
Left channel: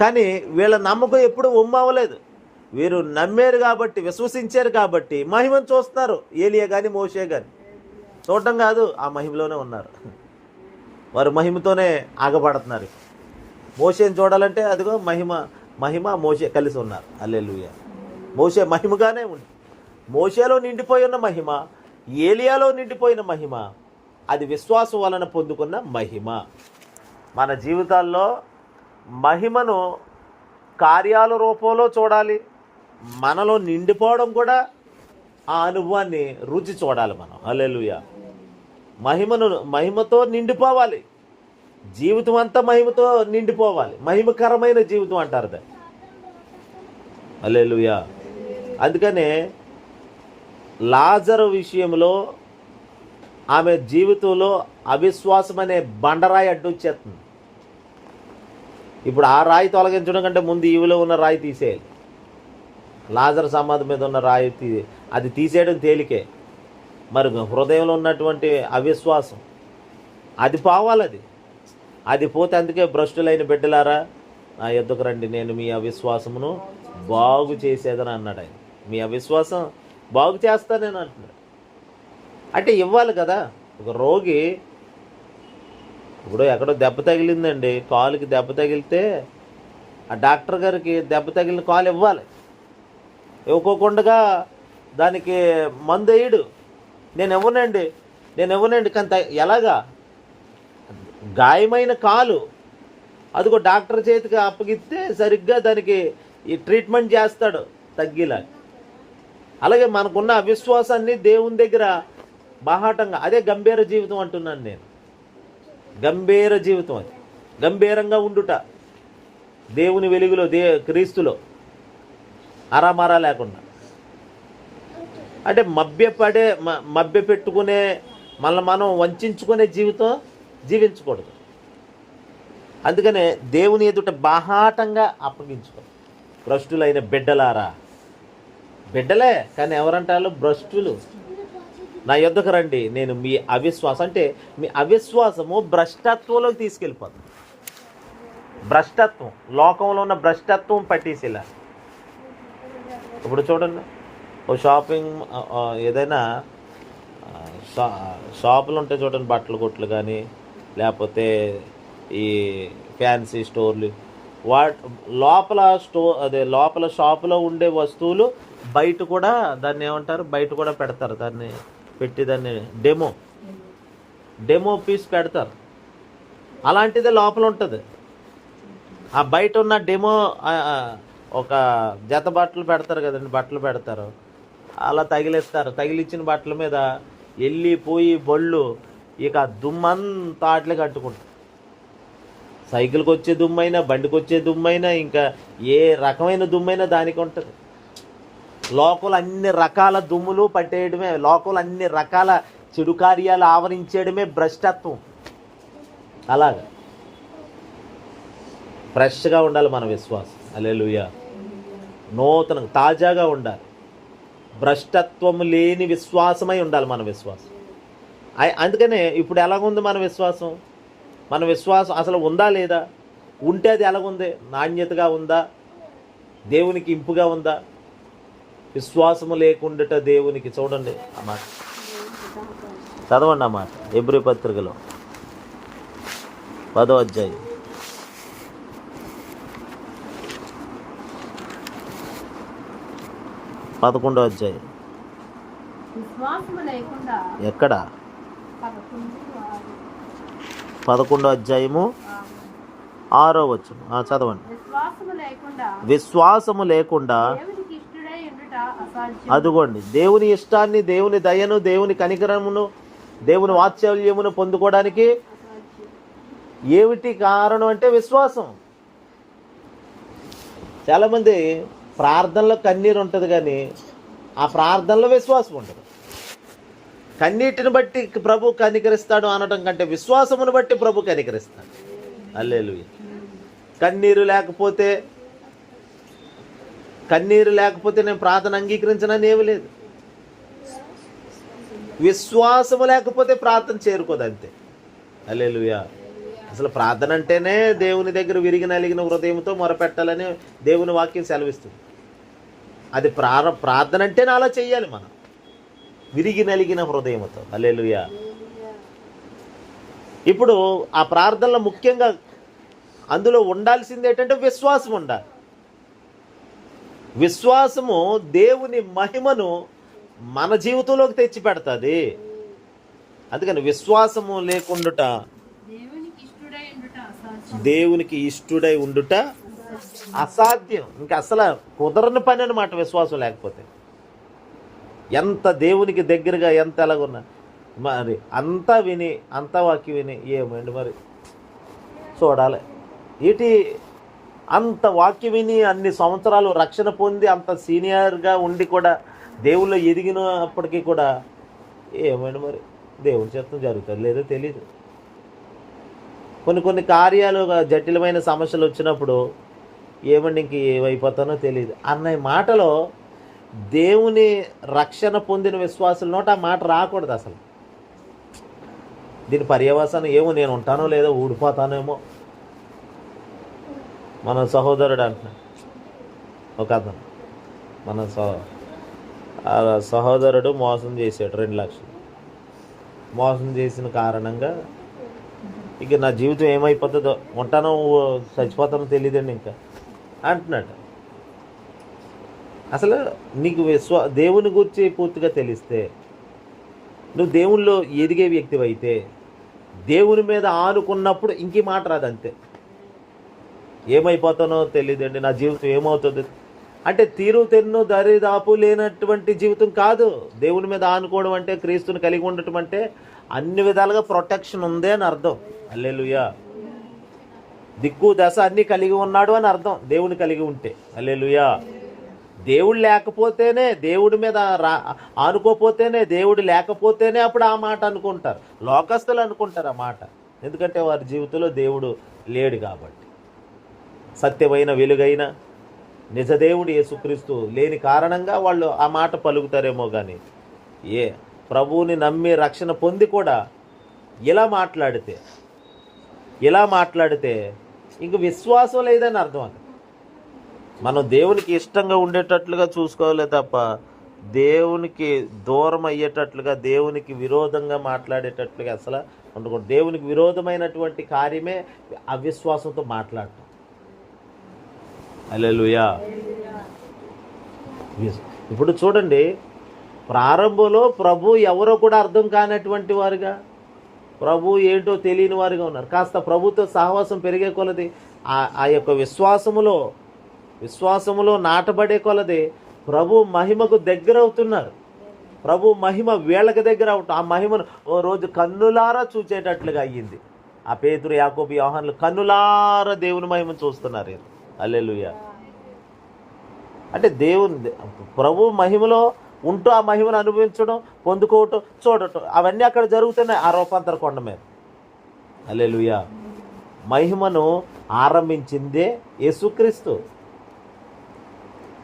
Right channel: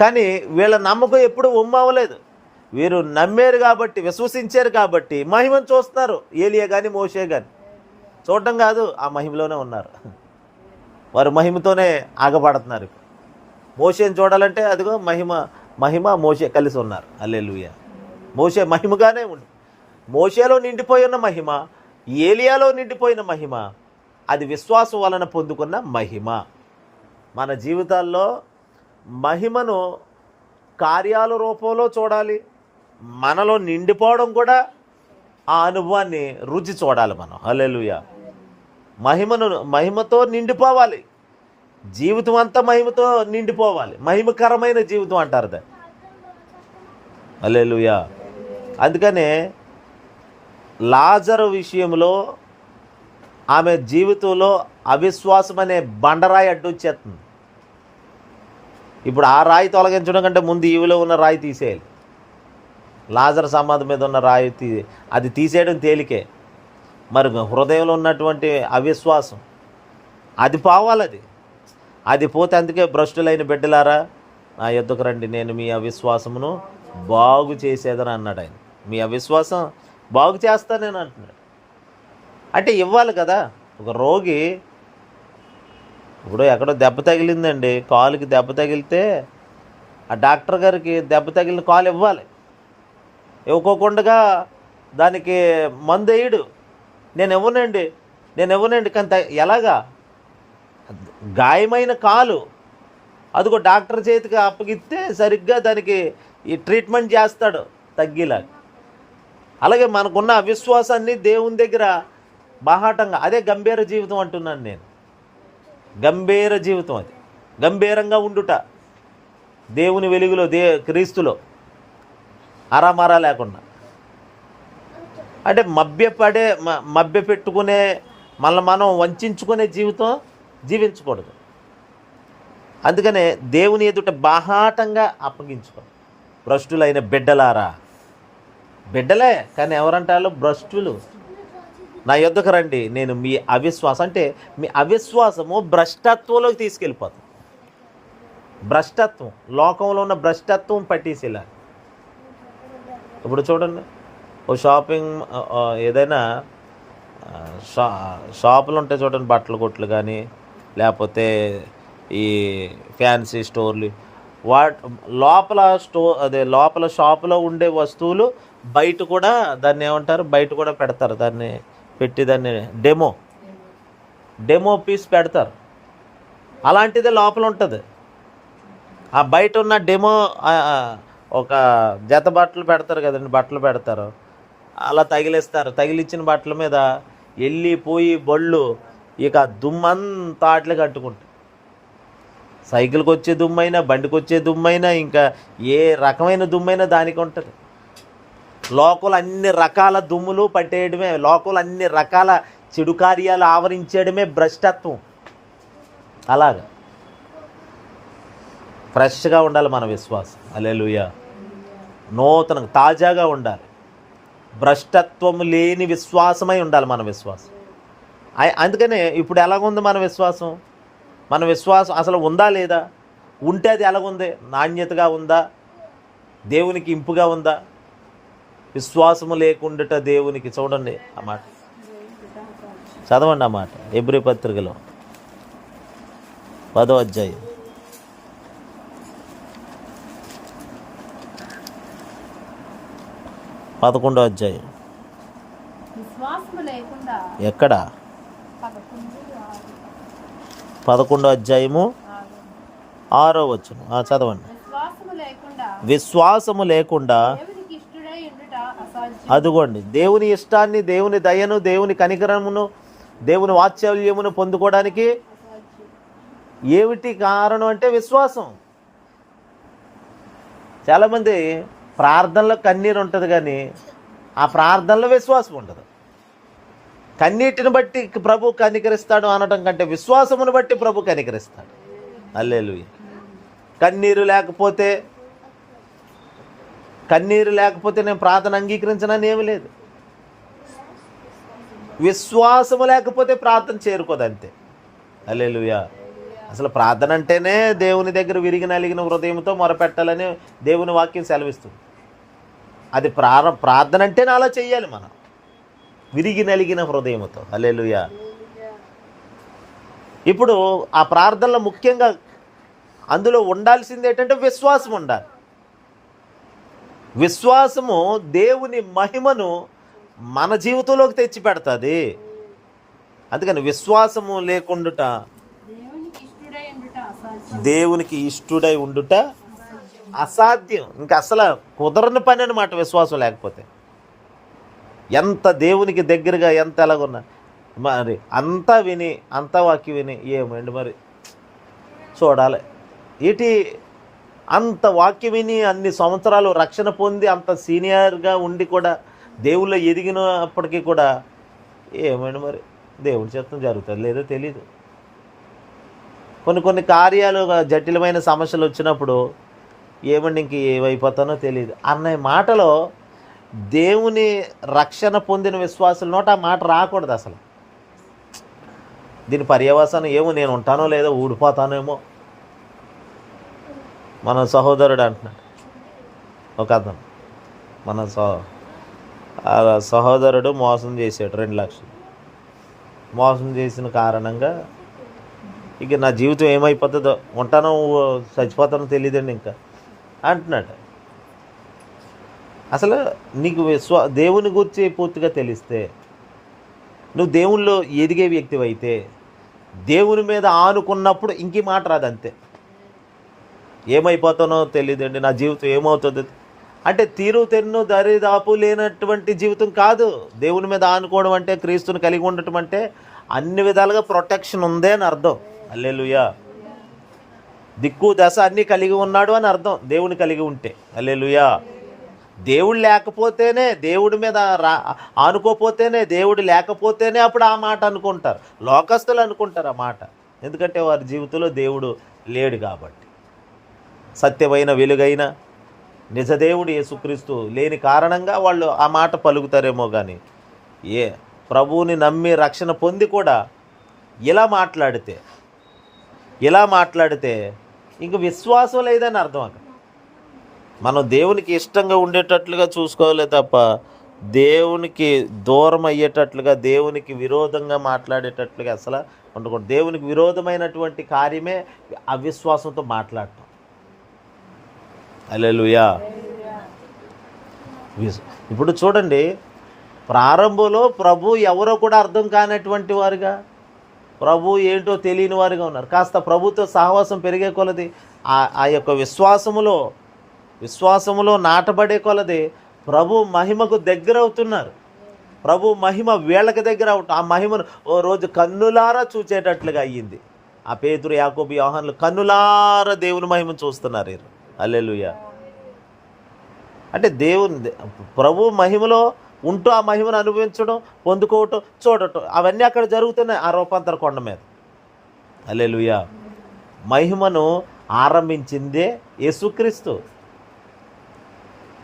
కానీ వీళ్ళ నమ్మకం ఎప్పుడు ఒమ్ము అవ్వలేదు. వీరు నమ్మారు కాబట్టి, విశ్వసించారు కాబట్టి మహిమను చూస్తున్నారు. ఏలియా కానీ మోషే కానీ చూడటం కాదు, ఆ మహిమలోనే ఉన్నారు. వారు మహిమతోనే ఆగబడుతున్నారు. మోషేని చూడాలంటే అదిగో మహిమ మోషే కలిసి ఉన్నారు. హల్లెలూయా. మోషే మహిమగానే ఉంది. మోషేలో నిండిపోయి ఉన్న మహిమ, ఏలియాలో నిండిపోయిన మహిమ, అది విశ్వాసం వలన పొందుకున్న మహిమ. మన జీవితాల్లో మహిమను కార్యాల రూపంలో చూడాలి. మనలో నిండిపోవడం కూడా ఆ అనుభవాన్ని రుచి చూడాలి మనం. హల్లెలూయా. మహిమతో నిండిపోవాలి. జీవితం అంతా మహిమతో నిండిపోవాలి. మహిమకరమైన జీవితం అంటారు దాన్ని. హల్లెలూయా. అందుకనే లాజరు విషయంలో ఆమె జీవితంలో అవిశ్వాసం అనే బండరాయి అడ్డొచ్చేస్తుంది. ఇప్పుడు ఆ రాయి తొలగించడం కంటే ముందు ఈవిలో ఉన్న రాయి తీసేయాలి. లాజరు సమాధి మీద ఉన్న రాయి అది తీసేయడం తేలికే. మరి హృదయంలో ఉన్నటువంటి అవిశ్వాసం అది పోవాలి. అది పోతే అందుకే భ్రష్టులైన బిడ్డలారా నా యొద్దకు రండి, నేను మీ అవిశ్వాసమును బాగు చేసేదని అన్నాడు ఆయన. మీ అవిశ్వాసం బాగు చేస్తానని అంటున్నాడు. అంటే ఇవ్వాలి కదా. ఒక రోగి ఇప్పుడు ఎక్కడో దెబ్బ తగిలిందండి, కాలుకి దెబ్బ తగిలితే ఆ డాక్టర్ గారికి దెబ్బ తగిలిన కాలు ఇవ్వాలి. ఇవ్వకోకుండా దానికి మందు వేయడు. నేను ఇవ్వనండి కానీ ఎలాగా? గాయమైన కాలు అదిగో డాక్టర్ చేతికి అప్పగిస్తే సరిగ్గా దానికి ఈ ట్రీట్మెంట్ చేస్తాడు తగ్గిలా. అలాగే మనకున్న అవిశ్వాసాన్ని దేవుని దగ్గర బాహాటంగా, అదే గంభీర జీవితం అంటున్నాను నేను. గంభీర జీవితం, అది గంభీరంగా ఉండుట దేవుని వెలుగులో, క్రీస్తులో అరామరా లేకుండా. అంటే మభ్య పెట్టుకునే, మనం వంచుకునే జీవితం జీవించకూడదు. అందుకనే దేవుని ఎదుట బాహాటంగా అప్పగించుకో. భ్రష్టులైన బిడ్డలారా, బిడ్డలే కానీ ఎవరంటారు భ్రష్టులు, నా యొద్దకు రండి, నేను మీ అవిశ్వాసం, అంటే మీ అవిశ్వాసము భ్రష్టత్వంలోకి తీసుకెళ్ళిపోతుంది. భ్రష్టత్వం, లోకంలో ఉన్న భ్రష్టత్వం పట్టేసేలా. ఇప్పుడు చూడండి, ఓ షాపింగ్ ఏదైనా షాపులు ఉంటాయి చూడండి, బట్టల కొట్లు కానీ లేకపోతే ఈ ఫ్యాన్సీ స్టోర్లు, లోపల షాపులో ఉండే వస్తువులు బయట కూడా దాన్ని ఏమంటారు, బయట కూడా పెడతారు, దాన్ని పెట్టి దాన్ని డెమో పీస్ పెడతారు. అలాంటిదే లోపల ఉంటుంది. ఆ బయట ఉన్న డెమో ఒక జత బట్టలు పెడతారు కదండి, బట్టలు పెడతారు, అలా తగిలిస్తారు. తగిలిచ్చిన బట్టల మీద వెళ్ళిపోయి బళ్ళు ఇక దుమ్మంతా అట్లే కట్టుకుంటారు. సైకిల్కి వచ్చే దుమ్మైనా, బండికి వచ్చే దుమ్మైనా, ఇంకా ఏ రకమైన దుమ్మైనా దానికి ఉంటుంది. లోకల్ అన్ని రకాల దుమ్ములు పట్టేయడమే, లోకల్ అన్ని రకాల చెడు కార్యాలు ఆవరించేయడమే భ్రష్టత్వం. అలాగా ఫ్రెష్గా ఉండాలి మన విశ్వాసం. హల్లెలూయా. నూతనంగా తాజాగా ఉండాలి. భ్రష్టత్వం లేని విశ్వాసమై ఉండాలి మన విశ్వాసం. అందుకనే ఇప్పుడు ఎలాగుంది మన విశ్వాసం? మన విశ్వాసం అసలు ఉందా లేదా? ఉంటే అది ఎలాగుంది? నాణ్యతగా ఉందా? దేవునికి ఇంపుగా ఉందా? విశ్వాసము లేకుండాట దేవునికి, చూడండి ఆ మాట, చదవండి ఆ మాట హెబ్రీ పత్రికలో 10వ అధ్యాయం 11వ అధ్యాయం. ఎక్కడ? 11వ అధ్యాయము 6వ వచనం. చదవండి. విశ్వాసము లేకుండా అదుగోండి దేవుని ఇష్టాన్ని, దేవుని దయను, దేవుని కనికరమును, దేవుని వాత్సల్యమును పొందుకోవడానికి ఏమిటి కారణం అంటే విశ్వాసం. చాలామంది ప్రార్థనలో కన్నీరు ఉంటుంది కానీ ఆ ప్రార్థనలో విశ్వాసం ఉంటుంది. కన్నీటిని బట్టి ప్రభు కనికరిస్తాడు అనడం కంటే విశ్వాసమును బట్టి ప్రభు కనికరిస్తాడు. హల్లెలూయా. కన్నీరు లేకపోతే నేను ప్రార్థన అంగీకరించనని ఏమీ లేదు. విశ్వాసము లేకపోతే ప్రార్థన చేరుకోదు, అంతే. హల్లెలూయా. అసలు ప్రార్థన అంటేనే దేవుని దగ్గర విరిగి నలిగిన హృదయంతో మొరపెట్టాలని దేవుని వాక్యం సెలవిస్తుంది. అది ప్రార్థన అంటేనే అలా చెయ్యాలి మనం, విరిగి నలిగిన హృదయంతో. హల్లెలూయా. ఇప్పుడు ఆ ప్రార్థనలో ముఖ్యంగా అందులో ఉండాల్సింది ఏంటంటే విశ్వాసం ఉండాలి. విశ్వాసము దేవుని మహిమను మన జీవితంలోకి తెచ్చి పెడుతుంది. అందుకని విశ్వాసము లేకుండుట, దేవునికి ఇష్టుడై ఉండుట అసాధ్యం. ఇంకా అసలు కుదరని పని అన్నమాట విశ్వాసం లేకపోతే. ఎంత దేవునికి దగ్గరగా ఎంత ఎలాగున్నా మరి అంతా వాక్యం విని ఏమండి మరి చూడాలి ఏంటి, అంత వాక్యం విని అన్ని సంవత్సరాలు రక్షణ పొంది అంత సీనియర్గా ఉండి కూడా దేవుళ్ళు ఎదిగినప్పటికీ కూడా ఏమండి మరి దేవుడి చిత్తం జరుగుతుంది లేదో తెలీదు. కొన్ని కార్యాలు, జటిలమైన సమస్యలు వచ్చినప్పుడు ఏమండి ఇంక ఏమైపోతానో తెలియదు అన్న మాటలో దేవుని రక్షణ పొందిన విశ్వాసుల నోట ఆ మాట రాకూడదు అసలు. దీని పర్యవసానం ఏమో, నేను ఉంటానో లేదో, ఊడిపోతానేమో. మన సహోదరుడు అంటున్నాడు ఒక అతను, మన సహోదరుడు మోసం చేశాడు 2 లక్షలు. మోసం చేసిన కారణంగా ఇక నా జీవితం ఏమైపోతుందో, ఉంటానో చచ్చిపోతానో తెలియదండి ఇంకా అంటున్నాడు. అసలు నీకు దేవుని గురించి పూర్తిగా తెలిస్తే, నువ్వు దేవునిలో ఎదిగే వ్యక్తివైతే, దేవుని మీద ఆనుకున్నప్పుడు ఇంకే మాట రాదు, అంతే. ఏమైపోతానో తెలియదండి, నా జీవితం ఏమవుతుంది అంటే తీరు తెన్ను దరిదాపు లేనటువంటి జీవితం కాదు. దేవుని మీద ఆనుకోవడం అంటే, క్రీస్తుని కలిగి ఉండటం అంటే అన్ని విధాలుగా ప్రొటెక్షన్ ఉందే అని అర్థం. హల్లెలూయా. దిక్కు దశ అన్నీ కలిగి ఉన్నాడు అని అర్థం దేవుని కలిగి ఉంటే. హల్లెలూయా. దేవుడు లేకపోతేనే, దేవుడి మీద ఆనుకోపోతేనే, దేవుడు లేకపోతేనే అప్పుడు ఆ మాట అనుకుంటారు. లోకస్తులు అనుకుంటారు ఆ మాట, ఎందుకంటే వారి జీవితంలో దేవుడు లేడు కాబట్టి. సత్యమైన వెలుగైన నిజదేవుడు యేసుక్రీస్తు లేని కారణంగా వాళ్ళు ఆ మాట పలుకుతారేమో. కానీ ప్రభువుని నమ్మి రక్షణ పొంది కూడా ఇలా మాట్లాడితే ఇంక విశ్వాసం లేదని అర్థం. అక్కడ మనం దేవునికి ఇష్టంగా ఉండేటట్లుగా చూసుకోవాలి తప్ప దేవునికి దూరం అయ్యేటట్లుగా, దేవునికి విరోధంగా మాట్లాడేటట్లుగా అసలు ఉండకూడదు. దేవునికి విరోధమైనటువంటి కార్యమే అవిశ్వాసంతో మాట్లాడటం. హల్లెలూయా. ఇప్పుడు చూడండి, ప్రారంభంలో ప్రభు ఎవరో కూడా అర్థం కానటువంటి వారుగా, ప్రభు ఏంటో తెలియని వారుగా ఉన్నారు. కాస్త ప్రభుతో సహవాసం పెరిగే కొలది, ఆ యొక్క విశ్వాసములో నాటబడే కొలది ప్రభు మహిమకు దగ్గర అవుతున్నారు. ప్రభు మహిమ వీళ్ళకి దగ్గర అవుతాం. ఆ మహిమను ఓ రోజు కన్నులారా చూచేటట్లుగా అయ్యింది. ఆ పేతురు, యాకోబు, యోహానులు కన్నులారా దేవుని మహిమను చూస్తున్నారు. హల్లెలూయా. అంటే ప్రభు మహిమలో ఉంటూ ఆ మహిమను అనుభవించడం, పొందుకోవటం, చూడటం, అవన్నీ అక్కడ జరుగుతున్నాయి ఆ రూపాంతర కొండ మీద. హల్లెలూయా. మహిమను ఆరంభించిందే యేసుక్రీస్తు.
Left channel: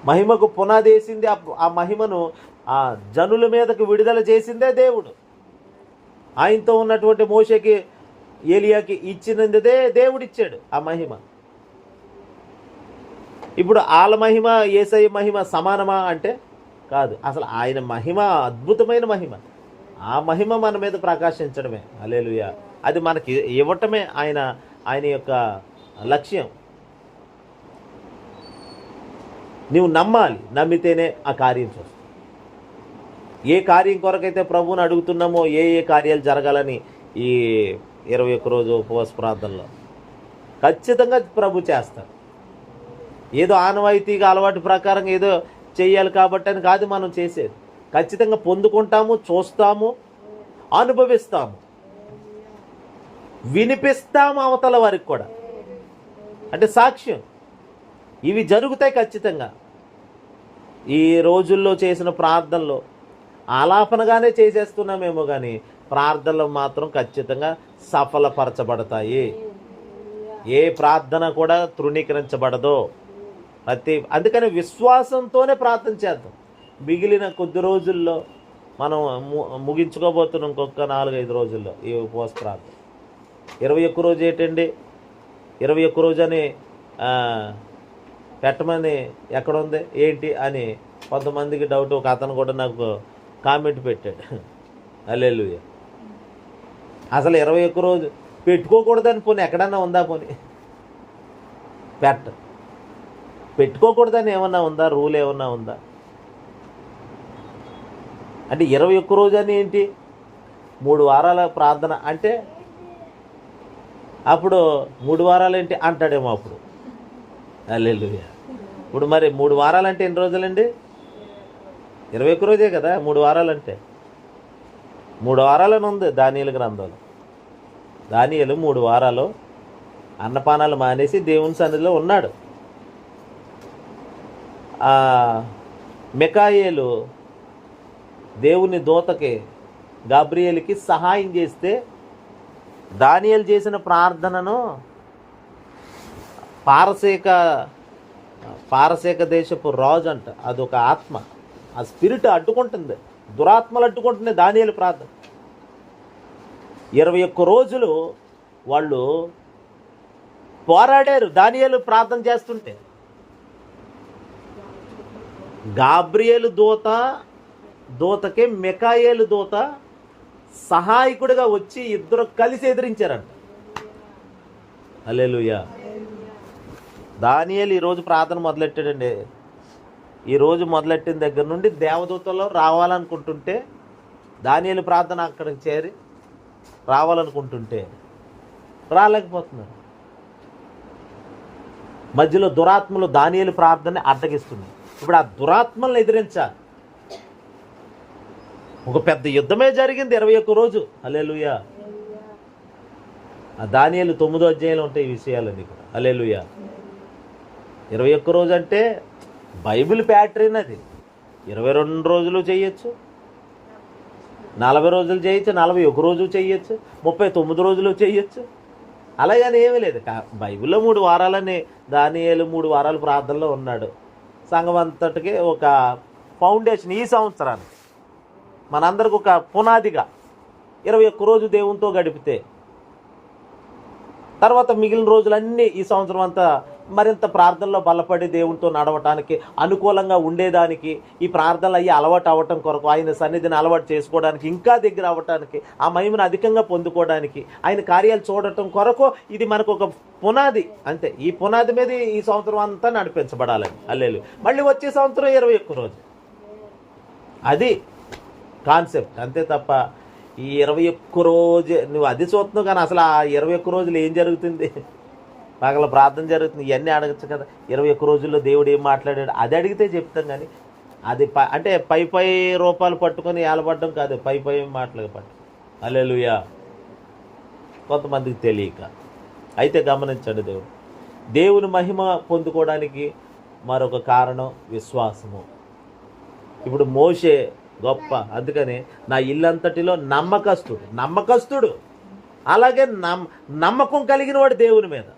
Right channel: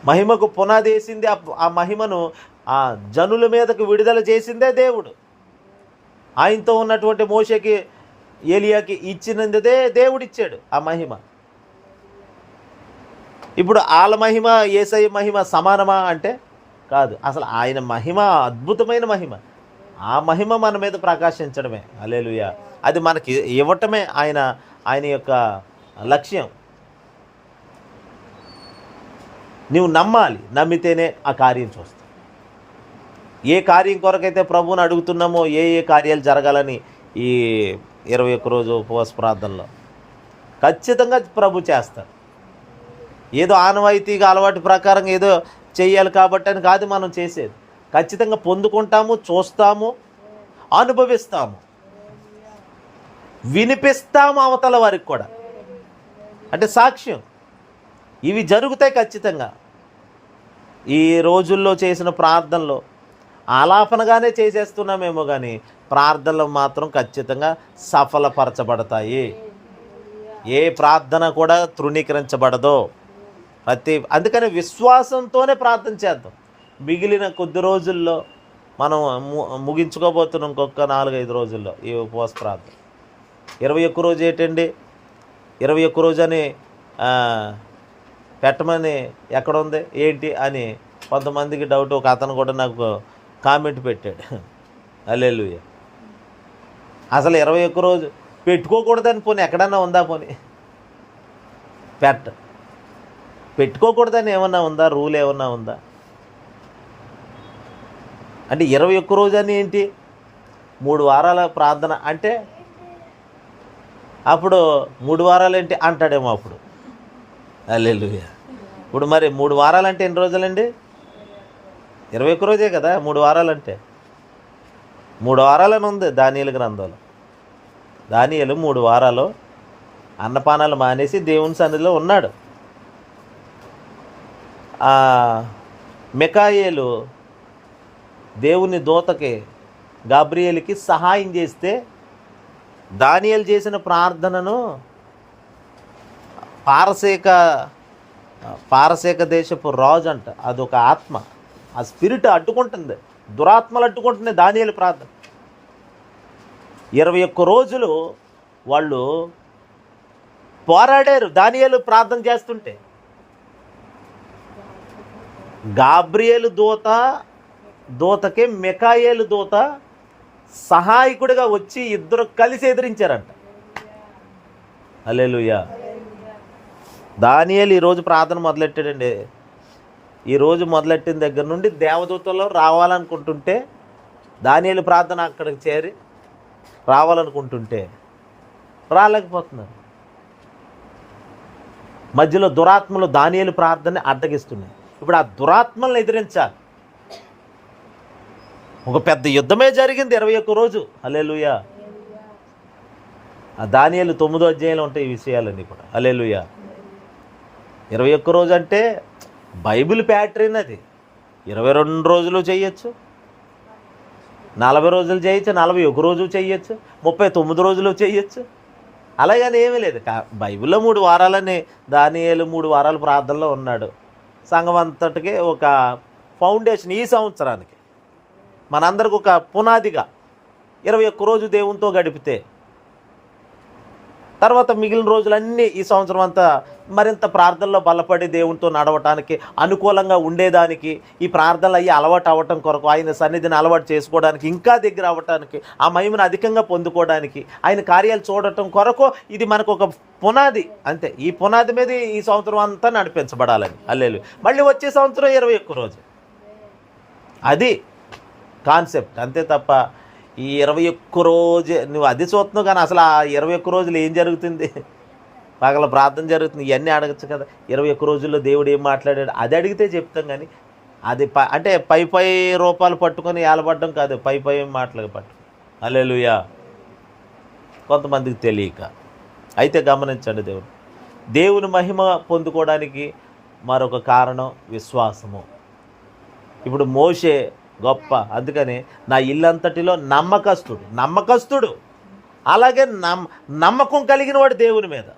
మహిమకు పునాది వేసింది, ఆ మహిమను ఆ జనుల మీదకు విడుదల చేసిందే దేవుడు. ఆయనతో ఉన్నటువంటి మోషేకి, ఏలియాకి ఇచ్చినదే దేవుడిచ్చాడు ఆ మహిమ. ఇప్పుడు వాళ్ళ మహిమ యేసయ్య మహిమ సమానమా అంటే కాదు. అసలు ఆయన మహిమ అద్భుతమైన మహిమ. ఆ మహిమ మన మీద ప్రకాశించడమే. హల్లెలూయా. అది మనకి ఇవ్వటమే ఆయన యొక్క లక్ష్యం. నీవు నమ్మాలి, నమ్మితేనే ఆ కార్యం చూస్తావు. ఏ కార్యం కొరకైతే ప్రభువుని అడుగుతున్నామో, ఏ కార్యాలు జరగాలని ఈ 21 రోజు ఉపవాస ప్రార్థనలో ఖచ్చితంగా ప్రభు చేస్తాడు. ఏదో ఆనవాయితీగా అలవాటు ప్రకారం ఏదో చెయ్యాలి కాబట్టి అని కాదు మనం చేసేది. ఖచ్చితంగా పొందుకుంటాము, చూస్తాము, అనుభవిస్తాము, వినిపిస్తాము అవతల వారికి కూడా. అంటే సాక్ష్యం ఇవి జరుగుతాయి ఖచ్చితంగా. ఈ రోజుల్లో చేసిన ప్రార్థనలో ఆలాపనగానే చేసేస్తున్నామేమో, కానీ ప్రార్థనలు మాత్రం ఖచ్చితంగా సఫలపరచబడతాయి. ఏ ప్రార్థన కూడా తృణీకరించబడదు. అందుకని విశ్వాసంతోనే ప్రార్థన చేద్దాం. మిగిలిన కొద్ది రోజుల్లో మనం ముగించుకోబోతున్నాం. ఇంకొక 4-5 రోజుల్లో ఈ ఉపవాస ప్రార్థన. 21 రోజు ఏంటండి, 21 రోజు అని పెట్టమని ఎక్కడుంది ఏంటి అని కొంతమందికి డౌట్. ఒక అతను కూడా నాకు కామెంట్ పెట్టాడు. హల్లెలూయా. అసలు 21 రోజు పెట్టుకోకూడదని పోనీ ఎక్కడన్నా ఉందా? పోనీ పెట్టుకోకూడదని ఏమన్నా ఉందా? రూల్ ఏమన్నా ఉందా? అంటే 21 రోజు అని ఏంటి? 3 వారాల ప్రార్థన అంటే అప్పుడు 3 వారాలు ఏంటి అంటాడేమో అప్పుడు. హల్లెలూయా. ఇప్పుడు మరి 3 వారాలంటే ఎన్ని రోజులండి? 21 రోజే కదా 3 వారాలంటే. 3 వారాలని ఉంది దానియేలు గ్రంథంలో. దానియేలు 3 వారాలు అన్నపానాలు మానేసి దేవుని సన్నిధిలో ఉన్నాడు. మికాయేలు దేవుని దూతకి, గాబ్రియేలుకి సహాయం చేస్తే దానియేలు చేసిన ప్రార్థనను పారసీక దేశపు రాజు అంట, అదొక ఆత్మ, ఆ స్పిరిట్ అడ్డుకుంటుంది, దురాత్మలు అడ్డుకుంటుంది దానియేలు ప్రార్థన. 21 రోజులు వాళ్ళు పోరాడారు దానియేలు ప్రార్థన చేస్తుంటే. గాబ్రియేలు దూతకి మికాయేలు దూత సహాయకుడిగా వచ్చి ఇద్దరు కలిసి ఎదిరించారంట. హల్లెలూయా. దానియేలు ఈరోజు ప్రార్థన మొదలెట్టాడండి. ఈరోజు మొదలెట్టిన దగ్గర నుండి దేవదూతలు రావాలనుకుంటుంటే, దానియేలు ప్రార్థన అక్కడికి చేరి రావాలనుకుంటుంటే రాలేకపోతున్నారు. మధ్యలో దురాత్మలు దానియేలు ప్రార్థన అడ్డగిస్తున్నాయి. ఇప్పుడు ఆ దురాత్మలను ఎదిరించాలి. ఒక పెద్ద యుద్ధమే జరిగింది 21 రోజు. హల్లెలూయా. ఆ దానియేలు 9వ అధ్యాయంలో ఉంటాయి ఈ విషయాలన్నీ కూడా. హల్లెలూయా. 21 రోజు అంటే బైబిల్ ప్యాటర్న్ అది. 22 రోజులు చేయొచ్చు, 40 రోజులు చేయొచ్చు, 41 రోజు చేయొచ్చు, 39 రోజులు చేయొచ్చు. అలాగని ఏమీ లేదు. బైబిల్లో 3 వారాలని దానియేలు 3 వారాలు ప్రార్థనలో ఉన్నాడు. సంఘం అంతటికి ఒక ఫౌండేషన్ ఈ సంవత్సరానికి మనందరికి ఒక పునాదిగా 21 రోజు దేవునితో గడిపితే తర్వాత మిగిలిన రోజులన్నీ ఈ సంవత్సరం అంతా మరింత ప్రార్థనలో బలపడి దేవునితో నడవటానికి అనుకూలంగా ఉండేదానికి, ఈ ప్రార్థనలు అయ్యి అలవాటు అవ్వటం కొరకు, ఆయన సన్నిధిని అలవాటు చేసుకోవడానికి, ఇంకా దగ్గర అవ్వటానికి, ఆ మహిమను అధికంగా పొందుకోవడానికి, ఆయన కార్యాలు చూడటం కొరకు ఇది మనకు ఒక పునాది. అంతే. ఈ పునాది మీద ఈ సంవత్సరం అంతా నడిపించబడాలని. హల్లెలూయా. మళ్ళీ వచ్చే సంవత్సరం 21 రోజు. అది కాన్సెప్ట్. అంతే తప్ప ఈ 21 రోజు నువ్వు అది చూస్తున్నావు, కానీ అసలు ఆ 21 రోజులు ఏం జరుగుతుంది? పగల ప్రార్థన జరుగుతుంది, ఇవన్నీ అడగచ్చు కదా. 21 రోజుల్లో దేవుడు ఏం మాట్లాడాడు అది అడిగితే చెప్తాం. కానీ అది అంటే పై రూపాలు పట్టుకొని ఏలబడ్డం కాదు, పై మాటలు పట్టు. హల్లెలూయా. కొంతమందికి తెలియక. అయితే గమనించండి, దేవుని మహిమ పొందుకోవడానికి మరొక కారణం విశ్వాసము. ఇప్పుడు మోషే గొప్ప, అందుకని నా ఇల్లంతటిలో నమ్మకస్తుడు. అలాగే నమ్మకం కలిగిన వాడు దేవుని మీద,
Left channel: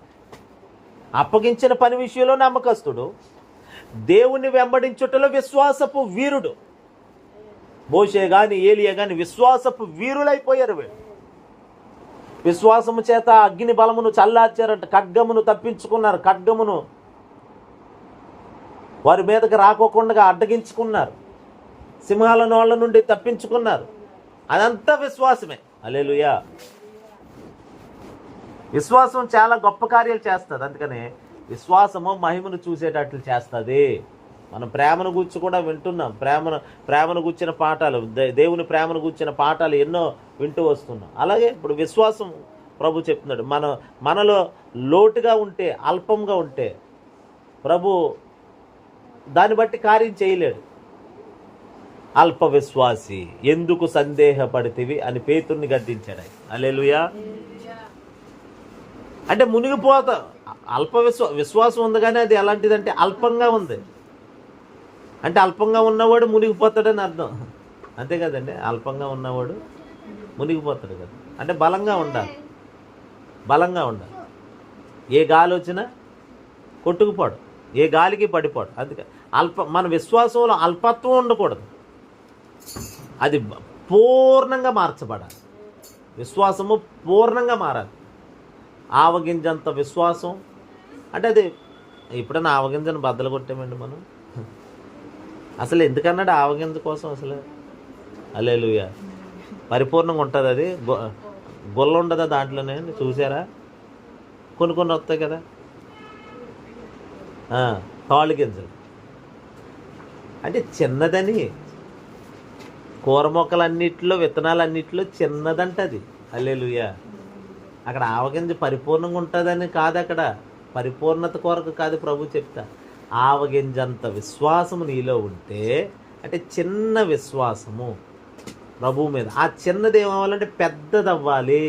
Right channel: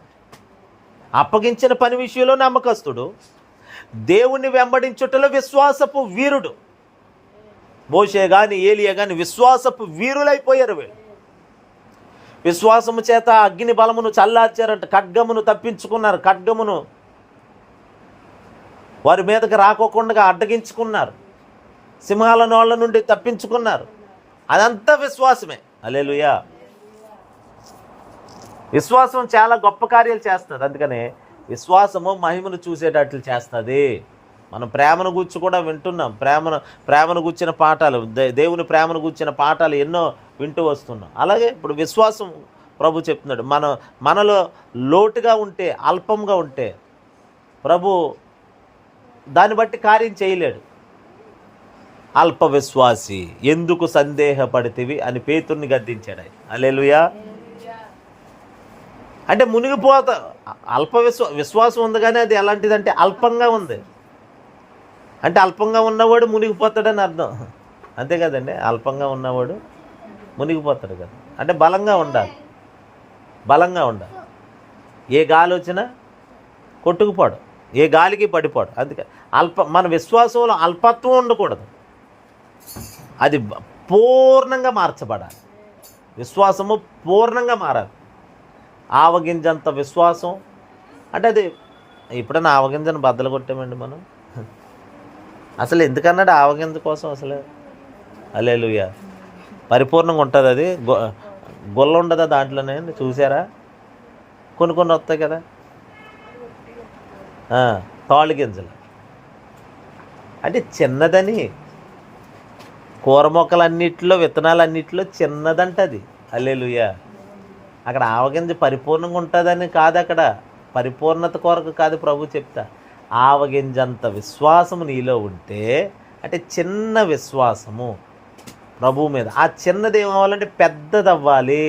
అప్పగించిన పని విషయంలో నమ్మకస్తుడు, దేవుని వెంబడించుటలో విశ్వాసపు వీరుడు. మోషే గాని ఏలియా గాని విశ్వాసపు వీరులైపోయారు. వీళ్ళు విశ్వాసము చేత అగ్ని బలమును చల్లార్చారంట. ఖడ్గమును తప్పించుకున్నారు. ఖడ్గమును వారి మీదకి రాకోకుండా అడ్డగించుకున్నారు. సింహాల నోళ్ళ నుండి తప్పించుకున్నారు. అదంతా విశ్వాసమే. హల్లెలూయా. విశ్వాసం చాలా గొప్ప కార్యాలు చేస్తుంది. అందుకనే విశ్వాసము మహిమను చూసేటట్లు చేస్తుంది. మనం ప్రేమను గురించి కూడా వింటున్నాం. ప్రేమను గుర్చిన పాఠాలు, దేవుని ప్రేమను గుర్చిన పాఠాలు ఎన్నో వింటూ వస్తున్నాం. అలాగే ఇప్పుడు విశ్వాసం ప్రభు చెప్తున్నాడు, మనలో లోటుగా ఉంటే, అల్పంగా ఉంటే ప్రభు దాన్ని బట్టి కార్యం చేయలేడు. అల్ప విశ్వాసి ఎందుకు సందేహపడితివి అని పేతుర్ని గద్దించాడు. హల్లెలూయా. అంటే మునిగిపోతా. అల్ప విశ్వాసం ఉంది, కానీ అది ఎలాంటిదంటే అల్పంగా ఉంది. అంటే అల్పంగా ఉన్నవాడు మునిగిపోతాడని అర్థం. అంతే కదండి. అల్పంగా ఉన్నవాడు మునిగిపోతాడు కదా. అంటే బలంగా ఉండాలి. ఏ గాలి వచ్చినా కొట్టుకుపోడు, ఏ గాలికి పడిపోడు. అందుకే మన విశ్వాసంలో అల్పత్వం ఉండకూడదు. అది పూర్ణంగా మార్చబడాలి. విశ్వాసము పూర్ణంగా మారాలి. ఆవగింజంత విశ్వాసం అంటే అది ఎప్పుడైనా ఆవగింజను బద్దలు కొట్టామండి మనం? అసలు ఎందుకన్నాడు ఆవగింజ కోసం అసలు? హల్లెలూయా. పరిపూర్ణంగా ఉంటుంది అది. గొల్ల ఉండదా దాంట్లోనే? చూసారా? కొన్ని వస్తాయి కదా తాళ్ళు గింజలు. అంటే చిన్నదని, కూర మొక్కలన్నిటిలో విత్తనాలన్నిటిలో చిన్నదంటది. హల్లెలూయా. అక్కడ ఆవగింజ పరిపూర్ణంగా ఉంటుందని కాదు, అక్కడ పరిపూర్ణత కొరకు కాదు ప్రభు చెప్తా. ఆవగింజంత విశ్వాసము నీలో ఉంటే, అంటే చిన్న విశ్వాసము ప్రభు మీద. ఆ చిన్నది ఏమవ్వాలంటే పెద్దదవ్వాలి.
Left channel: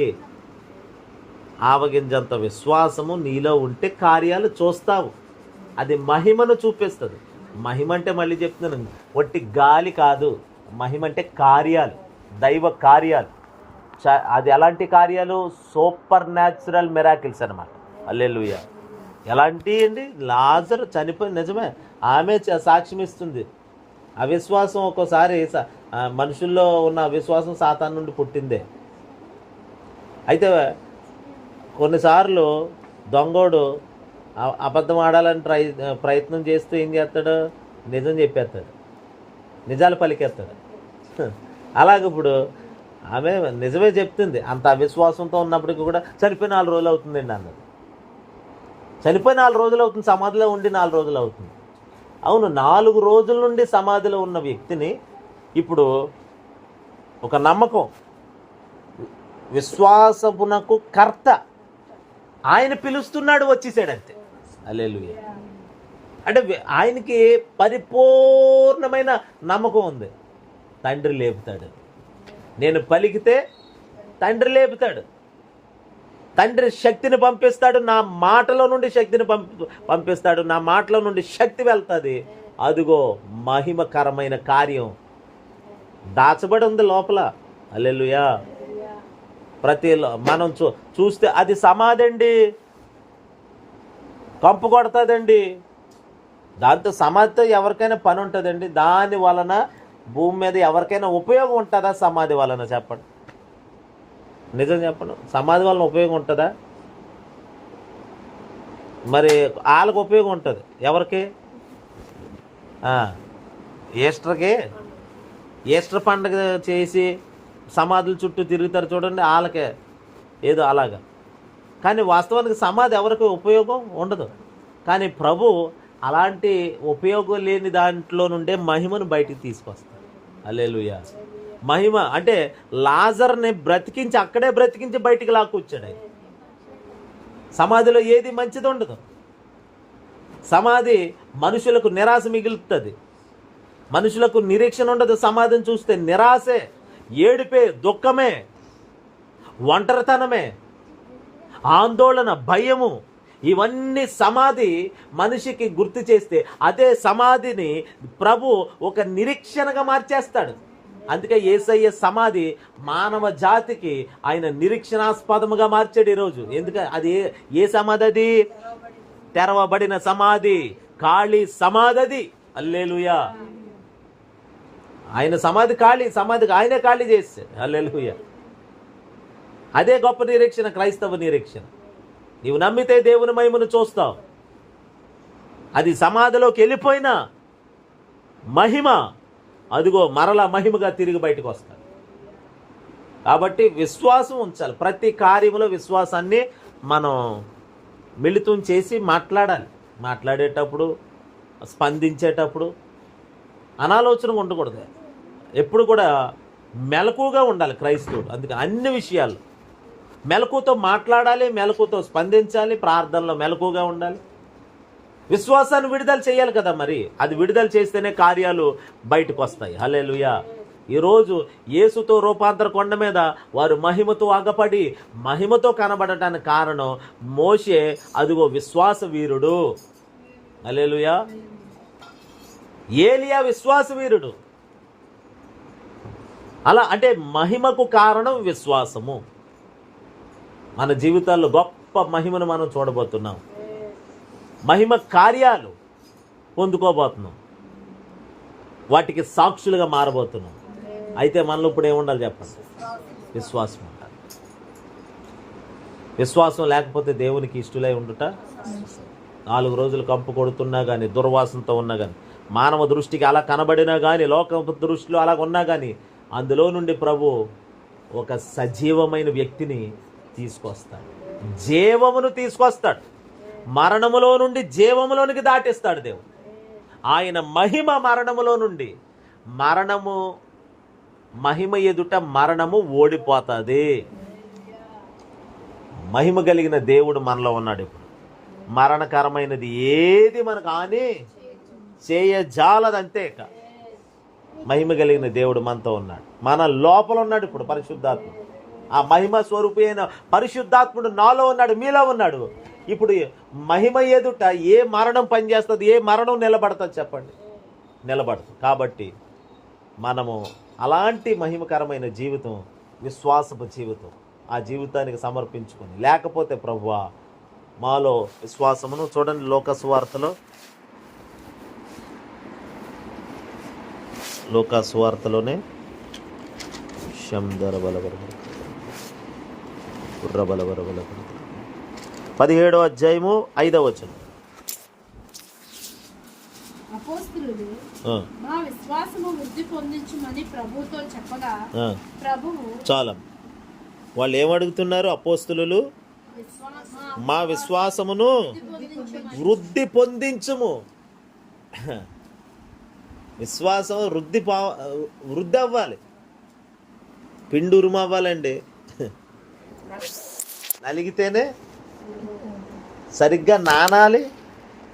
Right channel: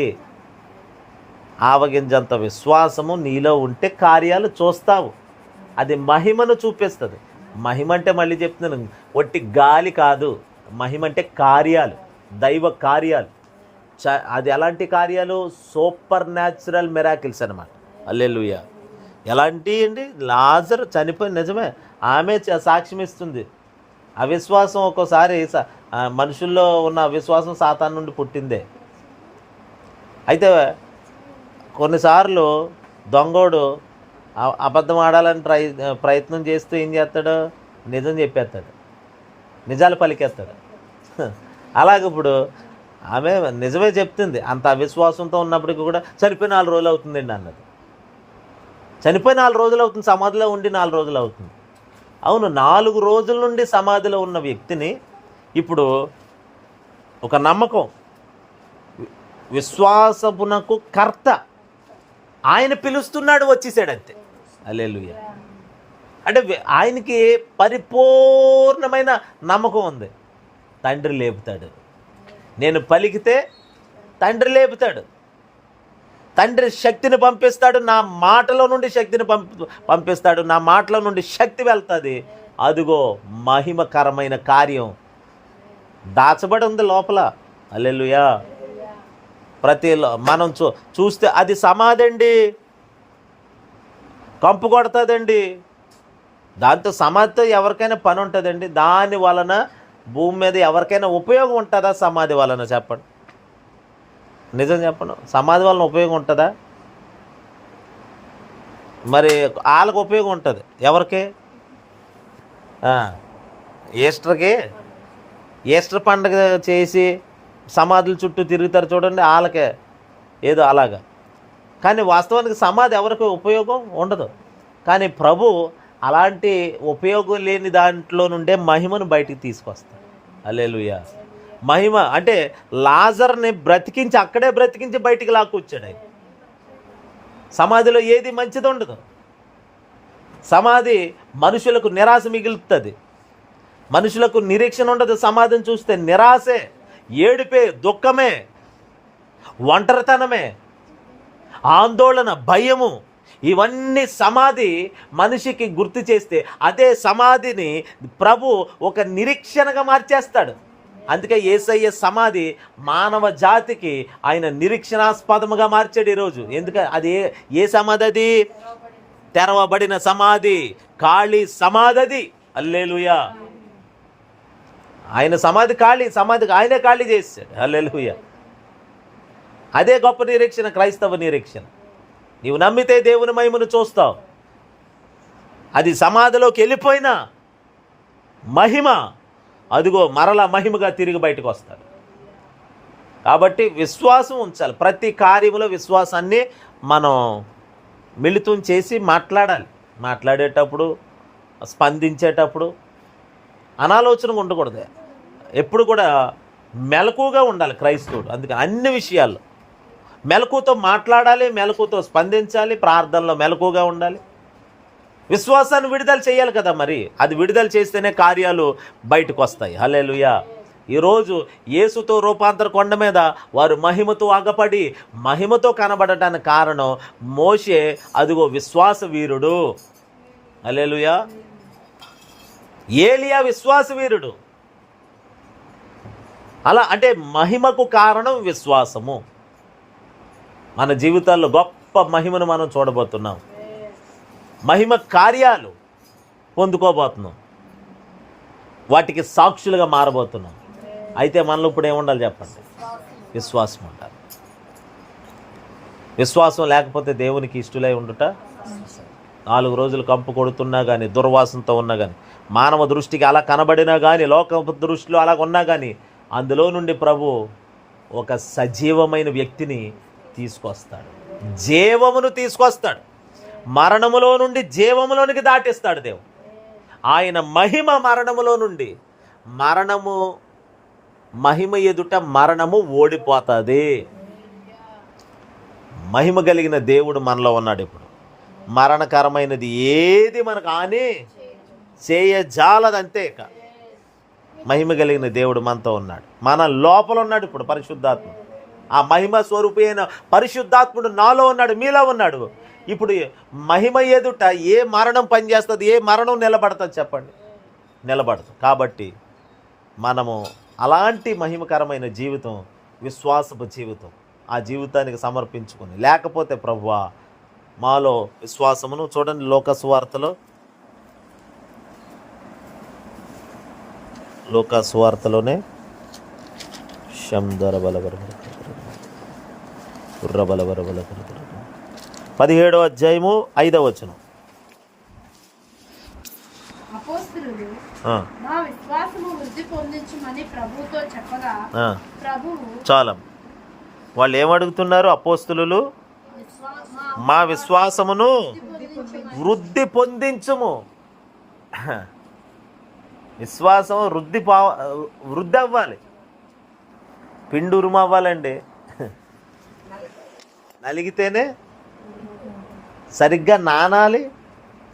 ఆవగింజంత విశ్వాసము నీలో ఉంటే కార్యాలు చూస్తావు. అది మహిమను చూపిస్తుంది. మహిమ అంటే మళ్ళీ చెప్తున్నాను, ఒట్టి గాలి కాదు. మహిమ అంటే కార్యాలు, దైవ కార్యాలు. అది ఎలాంటి కార్యాలు? సూపర్ న్యాచురల్ మిరాకిల్స్ అనమాట. హల్లెలూయా. ఎలాంటి అండి? లాజరు చనిపోయి, నిజమే, ఆమె సాక్ష్యం ఇస్తుంది. అవిశ్వాసం ఒక్కోసారి మనుషుల్లో ఉన్న అవిశ్వాసం సాతాను నుండి పుట్టిందే. అయితే కొన్నిసార్లు దొంగోడు అబద్ధం ఆడాలని ప్రయత్నం చేస్తూ ఏం చేస్తాడు? నిజం చెప్పేస్తాడు, నిజాలు పలికేస్తాడు. అలాగే ఇప్పుడు ఆమె నిజమే చెప్తుంది. అంత అవిశ్వాసంతో ఉన్నప్పటికీ కూడా చనిపోయి 4 రోజులు అవుతుందండి అన్నది. చనిపోయి 4 రోజులు అవుతుంది, సమాధిలో ఉండి 4 రోజులు అవుతుంది. అవును, 4 రోజుల నుండి సమాధిలో ఉన్న వ్యక్తిని ఇప్పుడు ఒక నమ్మకం, విశ్వాసమునకు కర్త ఆయన పిలుస్తున్నాడు, వచ్చేసాడు. అంతే. హల్లెలూయా. అంటే ఆయనకి పరిపూర్ణమైన నమ్మకం ఉంది. తండ్రి లేపుతాడు. నేను పలికితే తండ్రి లేపుతాడు. తండ్రి శక్తిని పంపిస్తాడు. నా మాటలో నుండి శక్తిని పంపిస్తాడు. నా మాటలో నుండి శక్తి వెళ్తుంది. అదిగో మహిమకరమైన కార్యం దాచబడి ఉంది లోపల. హల్లెలూయా. మనం చూస్తే అది సమాధి అండి, కంపు కొడుతుందండి. దాంతో సమాధితో ఎవరికైనా పని ఉంటుందండి? దాని వలన భూమి మీద ఎవరికైనా ఉపయోగం ఉంటుందా? సమాధి వలన చెప్పండి, నిజం చెప్పండి. సమాధి వలన ఉపయోగం ఉంటుందా? మరి వాళ్ళకి ఉపయోగం ఉంటుంది. ఎవరికి? ఈస్టర్ పండుగ చేసి సమాధుల చుట్టూ తిరుగుతారు చూడండి, వాళ్ళకే ఏదో అలాగా. కానీ వాస్తవానికి సమాధి ఎవరికి ఉపయోగం ఉండదు. కానీ ప్రభు అలాంటి ఉపయోగం లేని దాంట్లో నుండే మహిమను బయటికి తీసుకొస్తాడు. హల్లెలూయా. మహిమ అంటే లాజర్ని బ్రతికించి, అక్కడే బ్రతికించి బయటికి లాక్కొచ్చాడు ఆయన. సమాధిలో ఏది మంచిది ఉండదు. సమాధి మనుషులకు నిరాశ మిగులుతుంది. మనుషులకు నిరీక్షణ ఉండదు. సమాధిని చూస్తే నిరాశే, ఏడుపే, దుఃఖమే, ఒంటరితనమే, ఆందోళన, భయము, ఇవన్నీ సమాధి మనిషికి గుర్తు చేస్తే అదే సమాధిని ప్రభు ఒక నిరీక్షణగా మార్చేస్తాడు. అందుకే యేసయ్య సమాధి మానవ జాతికి ఆయన నిరీక్షణాస్పదముగా మార్చాడు ఈరోజు. ఎందుకంటే అది ఏ సమాధి? అది తెరవబడిన సమాధి, ఖాళీ సమాధి అది. హల్లెలూయా. ఆయన సమాధి ఖాళీ, సమాధికి ఆయనే ఖాళీ చేశాడు. హల్లెలూయా. అదే గొప్ప నిరీక్షణ, క్రైస్తవ నిరీక్షణ. నీవు నమ్మితే దేవుని మహిమను చూస్తావు. అది సమాధిలోకి వెళ్ళిపోయిన మహిమ అదిగో మరలా మహిమగా తిరిగి బయటకు వస్తాడు. కాబట్టి విశ్వాసం ఉంచాలి. ప్రతి కార్యములో విశ్వాసాన్ని మనం మిళితం చేసి మాట్లాడాలి. మాట్లాడేటప్పుడు, స్పందించేటప్పుడు అనాలోచనగా ఉండకూడదు. ఎప్పుడు కూడా మెలకుగా ఉండాలి క్రైస్తవుడు. అందుకని అన్ని విషయాల్లో మెలకుతో మాట్లాడాలి, మెలకుతో స్పందించాలి, ప్రార్థనలో మెలకుగా ఉండాలి. విశ్వాసాన్ని విడుదల చేయాలి కదా, మరి అది విడుదల చేస్తేనే కార్యాలు బయటకు వస్తాయి. హల్లెలూయా. ఈరోజు యేసుతో రూపాంతర కొండ మీద వారు మహిమతో ఆగపడి మహిమతో కనబడటానికి కారణం మోషే అదిగో విశ్వాస వీరుడు. హల్లెలూయా. ఏలియా విశ్వాస వీరుడు. అలా అంటే మహిమకు కారణం విశ్వాసము. మన జీవితాల్లో గొప్ప మహిమను మనం చూడబోతున్నాం. మహిమ కార్యాలు పొందుకోబోతున్నాం. వాటికి సాక్షులుగా మారబోతున్నాం. అయితే మనలో ఇప్పుడు ఏముండాలి చెప్పండి? విశ్వాసం ఉండాలి. విశ్వాసం లేకపోతే దేవునికి ఇష్టలై ఉండుట 4 రోజులు కంపు కొడుతున్నా కానీ, దుర్వాసనతో ఉన్నా కానీ, మానవ దృష్టికి అలా కనబడినా కానీ, లోక దృష్టిలో అలా ఉన్నా కానీ, అందులో నుండి ప్రభు ఒక సజీవమైన వ్యక్తిని తీసుకొస్తాడు. జీవమును తీసుకొస్తాడు. మరణములో నుండి జీవములోనికి దాటిస్తాడు దేవుడు. ఆయన మహిమ మరణములో నుండి, మహిమ ఎదుట మరణము ఓడిపోతుంది. మహిమ కలిగిన దేవుడు మనలో ఉన్నాడు. ఇప్పుడు మరణకరమైనది ఏది మనకు హాని చేయజాలదంతే. మహిమ కలిగిన దేవుడు మనతో ఉన్నాడు. మన లోపల ఉన్నాడు ఇప్పుడు పరిశుద్ధాత్మ. ఆ మహిమ స్వరూపి అయిన పరిశుద్ధాత్ముడు నాలో ఉన్నాడు, మీలో ఉన్నాడు. ఇప్పుడు మహిమ ఎదుట ఏ మరణం పనిచేస్తుంది? ఏ మరణం నిలబడుతుంది చెప్పండి? నిలబడుతుంది. కాబట్టి మనము అలాంటి మహిమకరమైన జీవితం, విశ్వాసపు జీవితం, ఆ జీవితానికి సమర్పించుకుని, లేకపోతే ప్రభువా మాలో విశ్వాసమును చూడండి. లోకస్వార్తలోనే శందర బలబర 17వ అధ్యాయము 5వ వచనం. అపోస్తలులు మా విశ్వాసము వృద్ధి పొందించమని ప్రభువుతో చెప్పగా ప్రభువు చాలా వాళ్ళు ఏమడుగుతున్నారు? అపోస్తలులు మా విశ్వాసమును వృద్ధి పొందించుము. విశ్వాసం వృద్ధి అవ్వాలి, పిండురుము అవ్వాలండి. నలిగితేనే సరిగ్గా నానాలి,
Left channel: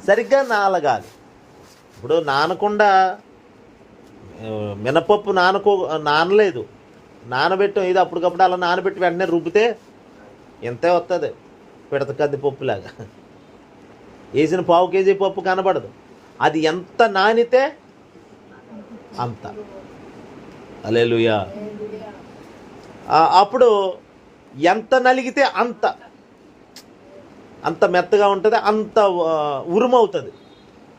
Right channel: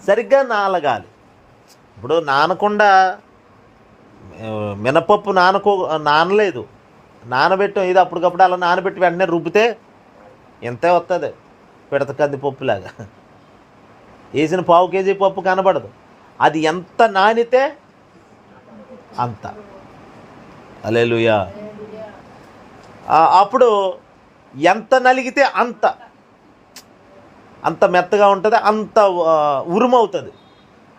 సరిగ్గా నానగాలి. ఇప్పుడు నానకుండా మినపప్పు నానలేదు, నానబెట్టాం, ఇది అప్పటికప్పుడు అలా నానబెట్టి వెంటనే రుబ్బితే ఎంతే వస్తుంది, పిడత కందిపప్పులాగా. వేసిన పావు కేజీ పప్పు కనబడదు. అది ఎంత నానితే అంత. హల్లెలూయా. అప్పుడు ఎంత నలిగితే అంత మెత్తగా ఉంటుంది, అంత ఉరుమవుతుంది.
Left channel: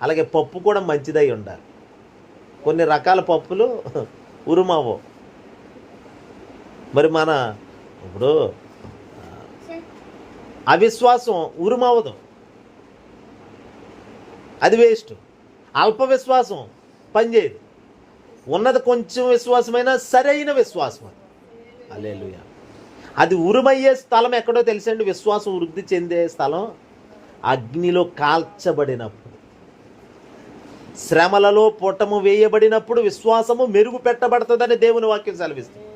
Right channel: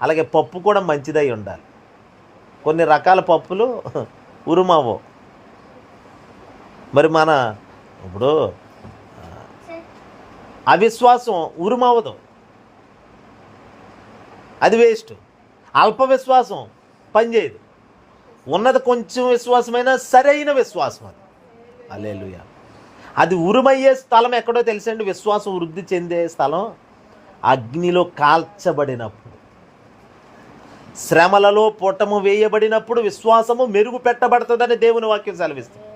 అలాగే పప్పు కూడా మంచిదై ఉండాలి. కొన్ని రకాల పప్పులు ఉరుమవు. మరి ఇప్పుడు అవిశ్వాసం ఉరుమవదు, అది వేస్ట్. అల్ప విశ్వాసం పనిచేయదు. ఉన్నది కొంచెం విశ్వాసమైనా సరైన విశ్వాసం. హల్లెలూయా. అది ఉరుమయ్యే స్థలం ఎక్కడో తెలుసండి? విశ్వాసం వృద్ధి చెందే స్థలం అగ్నిలో కాల్చబడినప్పుడు, శ్రమలలో పొటము వేయబడినప్పుడు విశ్వాసము మెరుగు పెట్టబడుతుందని దేవుని వాక్యం సెలవిస్తుంది.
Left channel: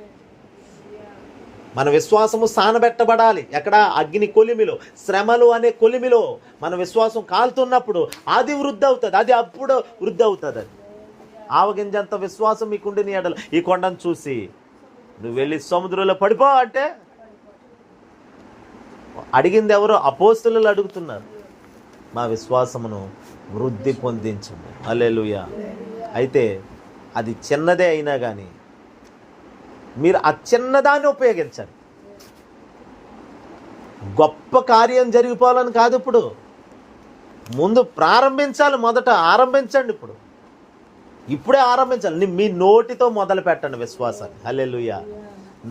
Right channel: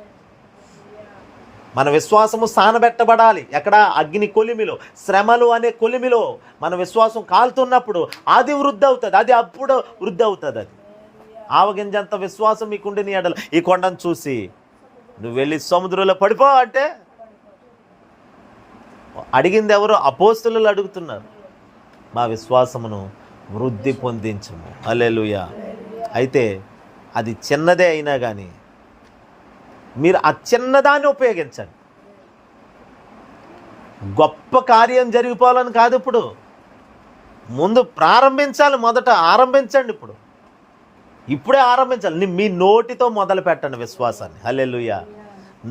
మన విశ్వాసము సానబెట్టబడాలి. ఎక్కడ? అగ్ని కొలిమిలో, శ్రమలు అనే కొలిమిలో మన విశ్వాసం కాలుతున్నప్పుడు అది వృద్ధి అవుతుంది. అది అప్పుడు వృద్ధి అవుతుంది. అది ఆవగింజంత విశ్వాసం మీకుండి నీ ఎడల ఈ కొండను చూసి నువ్వు వెళ్ళి సముద్రంలో పడిపో అంటే అడిగింది ఎవరు? అపోస్తలులు అడుగుతున్నారు. మా విశ్వాసమును వృద్ధి పొందించము. హల్లెలూయా. అయితే అది చిన్నదే అయినా కానీ మీరు ఆ చిన్నదాన్ని ఉపయోగించండి. గొప్ప కార్యం జరిగిపోవాలని కాదు. ఇప్పుడు ముందు ప్రారంభించాలి. మొదట ఆరంభించండి. ఇప్పుడే ఆరంభించాలి. మీ నోటితో మొదలు పెట్టండి విశ్వాసాన్ని. హల్లెలూయా.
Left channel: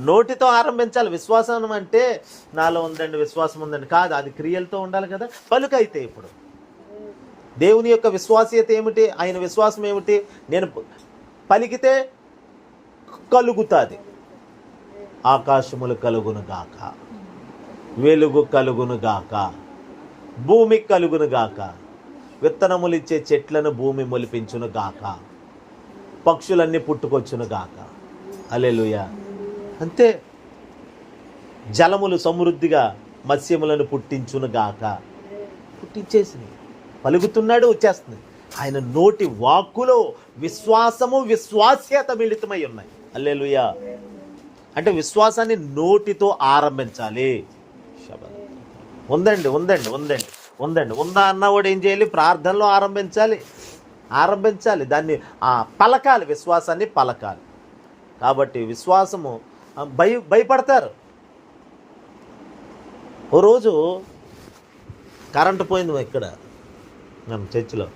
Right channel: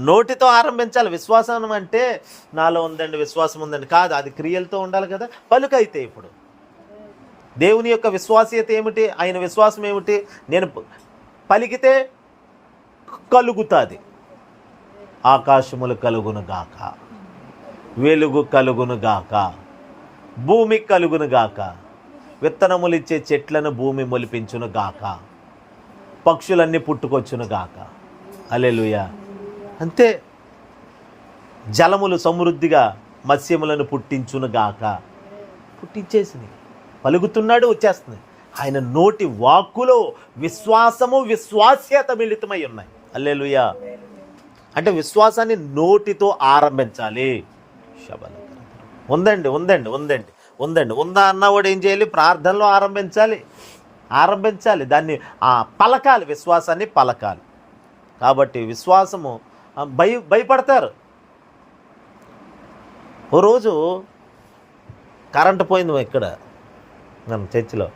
నోటితో ఆరంభించాలి. విశ్వాసం అంటే నాలో ఉందండి, విశ్వాసం ఉందండి కాదు, అది క్రియలతో ఉండాలి కదా. పలుకైతే ఇప్పుడు దేవుని యొక్క విశ్వాసీయత ఏమిటి? ఆయన విశ్వాసం ఏమిటి? నేను పలికితే కలుగుతుంది. ఆకాశములు కలుగును గాక, వెలుగు కలుగును గాక, భూమి కలుగును గాక, విత్తనములు ఇచ్చే చెట్లను భూమి మొలిపించును గాక, పక్షులన్నీ పుట్టుకొచ్చును గాక. హల్లెలూయా. అంతే. జలములు సమృద్ధిగా మత్స్యములను పుట్టించును గాక. పుట్టించేసింది. పలుకుతున్నాడు, వచ్చేస్తుంది. ఆయన నోటి వాక్కులో విశ్వాసము విశ్వాస్యత మిళితమై ఉన్నాయి. హల్లెలూయా. అంటే విశ్వాసాన్ని నోటితో ఆరంభించాలి. ఉందండి ఉందండి ఉందండి ఉందండి ఉందా అన్నవాడు ఏం చేయాలి? ప్రార్థనలో ఆరంభించాలి. దాన్ని పలకాలి. విశ్వాసాన్ని పలకాలి. కాబట్టి విశ్వాసము భయపడతారు. ఓ రోజు కరెంటు పోయింది ఇక్కడ మన చర్చిలో.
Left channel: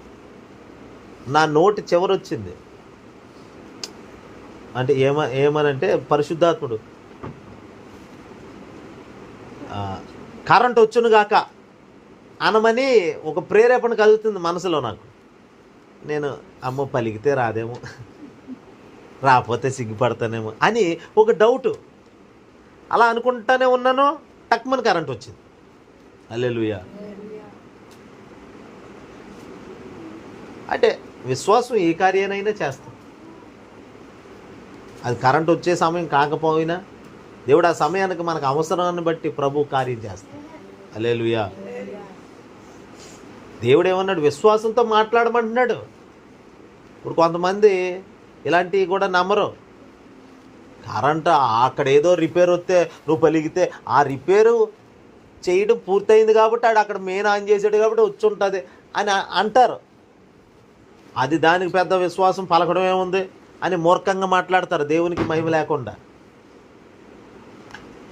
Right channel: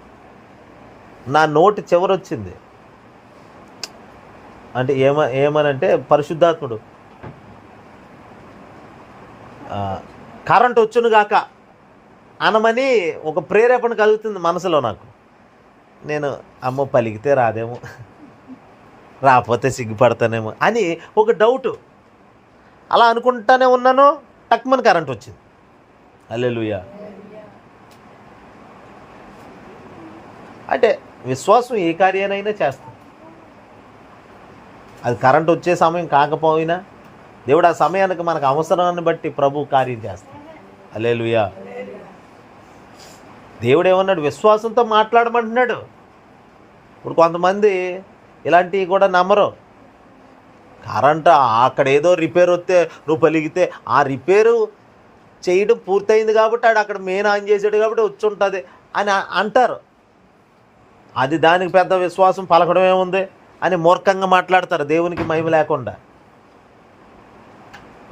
నా నోటి చివరొచ్చింది. అంటే ఏమనంటే పరిశుద్ధాత్ముడు కరెంట్ వచ్చును గాక అనమని ఒక ప్రేరేపణ కలుగుతుంది మనసులో నాకు. నేను అమ్మో పలికితే రాదేమో, రాకపోతే సిగ్గుపడతానేమో అని ఒక డౌటు. అలా అనుకుంటానే ఉన్నాను. టక్మని కరెంట్ వచ్చింది. హల్లెలూయా. అంటే విశ్వాసం ఏ కార్యానైనా చేస్తాం. అది కరెంట్ వచ్చే సమయం కాకపోయినా దేవుడు ఆ సమయానికి మనకు అవసరాన్ని బట్టి ప్రభు కార్యం చేస్తాం. హల్లెలూయా. దేవుడు ఏమన్నాడు? విశ్వాసంతో మాట్లాడమంటున్నాడు. ఇప్పుడు కొంతమంది ఇలాంటివి కూడా నమ్మరు. కరెంట్ అక్కడ ఏదో రిపేర్ వస్తే నువ్వు పలిగితే ఆ రిపేరు చేయడం పూర్తయింది కాబట్టి ఆడు అక్కడ మెయిన్ ఆన్ చేసాడు కాబట్టి వచ్చి ఉంటుంది అని అంటారు. అది దానికి పెద్ద విశ్వాసం పలకడం ఏముంది అని మూర్ఖంగా మాట్లాడతారు, దేవునికి మహిమ లేకుండా.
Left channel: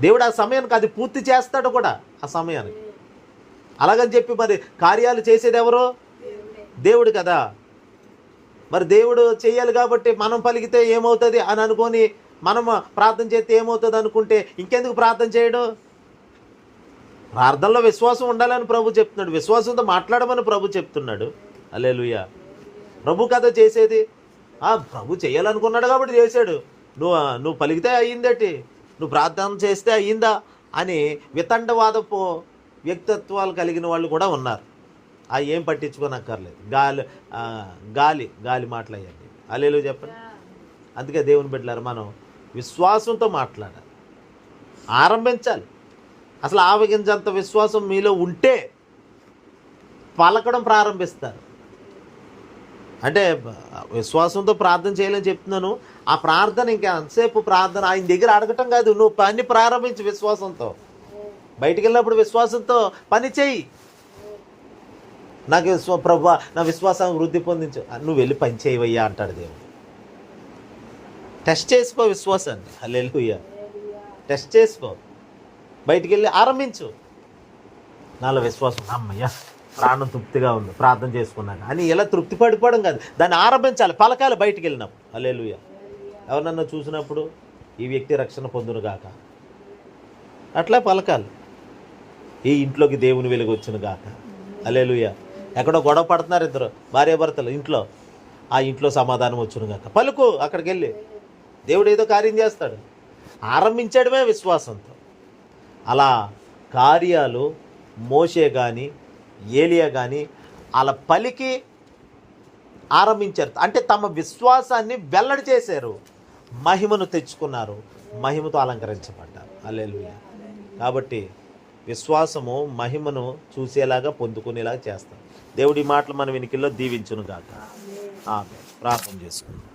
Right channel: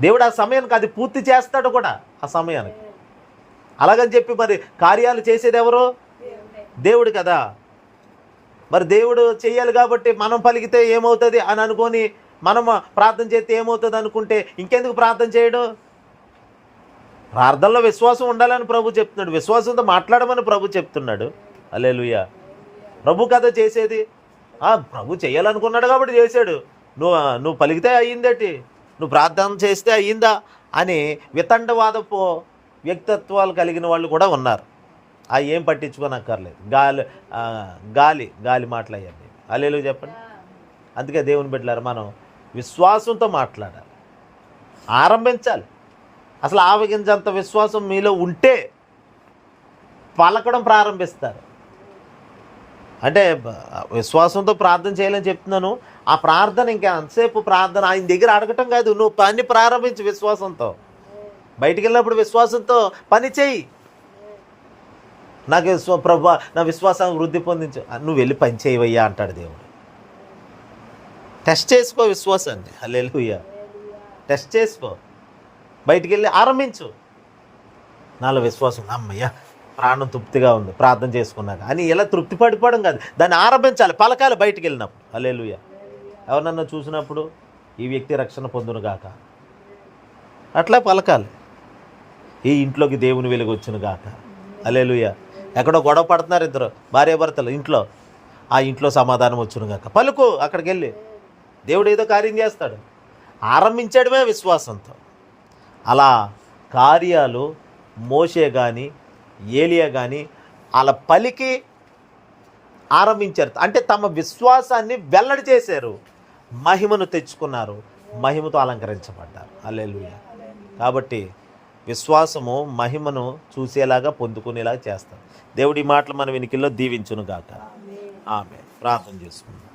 దేవుడు ఆ సమయానికి అది పూర్తి చేస్తాడు కూడా ఆ సమయానికి. అలాగని చెప్పి మరి కార్యాలు చేసేది ఎవరు? దేవుడు కదా. మరి దేవుడు చెయ్యాలి కాబట్టి మనం పలికితే ఏమవుతుంది అని అనుకొని మనం ప్రార్థన చేస్తే ఏమవుతుంది అనుకుంటే ఇంకెందుకు ప్రార్థన చేయడం? ప్రార్థనలో విశ్వాసం ఉండాలని ప్రభు చెప్తున్నాడు. విశ్వాసంతో మాట్లాడమని ప్రభు చెప్తున్నాడు. హల్లెలూయా. ప్రభు కదా చేసేది. ప్రభు చేయాలనుకున్నాడు కాబట్టి చేశాడు. నువ్వు పలికితే అయ్యిందేటి, నువ్వు ప్రార్థన చేస్తే అయ్యిందా అని వితండవాదపు వ్యక్తిత్వాలు కలిగిన వాళ్ళు కూడా ఉన్నారు. ఏం పట్టించుకోనక్కర్లేదు. గాలి మాట్లాడండి. హల్లెలూయా చెప్పండి. అందుకే దేవుని బిడ్డలారా మనం విశ్వాసంతో మాట్లాడాలి, ఆరంభించాలి. అసలు ఆవగింజంత విశ్వాసం మీలో ఉంటే పలకడం ప్రారంభిస్తారు. అంటే విశ్వాసంతో ప్రార్థన చేయాలని చెప్తున్నాను. ఆ ప్రార్థన ఇంకా ఎంతసేపు ప్రార్థన ఆయన దగ్గర అడగటం కాదు, నువ్వు పని ప్రారంభించు విశ్వాసంతో. బయటికి వెళ్ళినప్పుడు విశ్వాసంతో పని చెయ్యి. నాకు ప్రభువా నా విశ్వాసాన్ని వృద్ధి పొందించు, నువ్వు వెళ్ళి పని చేయవయ్యా అంటాడు దేవుడు. టెస్ట్ చేసుకో విశ్వాసాన్ని. హల్లెలూయా. టెస్ట్ చేసుకో, బయటికి వెళ్ళి ఆరంభించు. నాలో విశ్వాసం, అమ్మయ్యా ప్రాణం తృప్తిగా ఉంది ప్రార్థన చేసుకున్నాక అని ఇలా తృప్తి పడిపోవడం కాదు, దాన్ని ఆరంభించాలి, పలకాలి బయటికి వెళ్ళినప్పుడు. హల్లెలూయా. ఎవరన్నా చూసినప్పుడు ఈ వ్యక్తి రక్షణ పొందును గాక అట్లా పలకాలి. ఈ ఇంట్లోకి దేవుని వెలుగు వచ్చును గాక. హల్లెలూయా. ఎక్కడో గొడవ పడుతున్నారు ఇద్దరు భార్యాభర్తలు ఇంట్లో, ఆ ఇంట్లో సమాధానం వచ్చును గాక పలుకు. అక్కడికి వెళ్ళి దేవుడు ఏదో కార్యం చేస్తాడు. ఆరంభించడమే విశ్వాసంతో. అలా కార్యాలు మోషే కానీ ఏలియా కానీ అలా పలికి ఆరంభించారు. అంటే తమ విశ్వాసాన్ని వెల్లడి చేశారు, మహిమను తెచ్చుకున్నారు, మహిమతో అలంకరించబడ్డారు. హల్లెలూయా. కాబట్టి విశ్వాసము మహిమను చూసేలాగా పొందుకునేలాగా చేస్తాం. దేవుడి మాటలు మన వెనుకల్లో దీవించును గాక. ఆమేన్. ప్రార్థన చేసుకుందాం.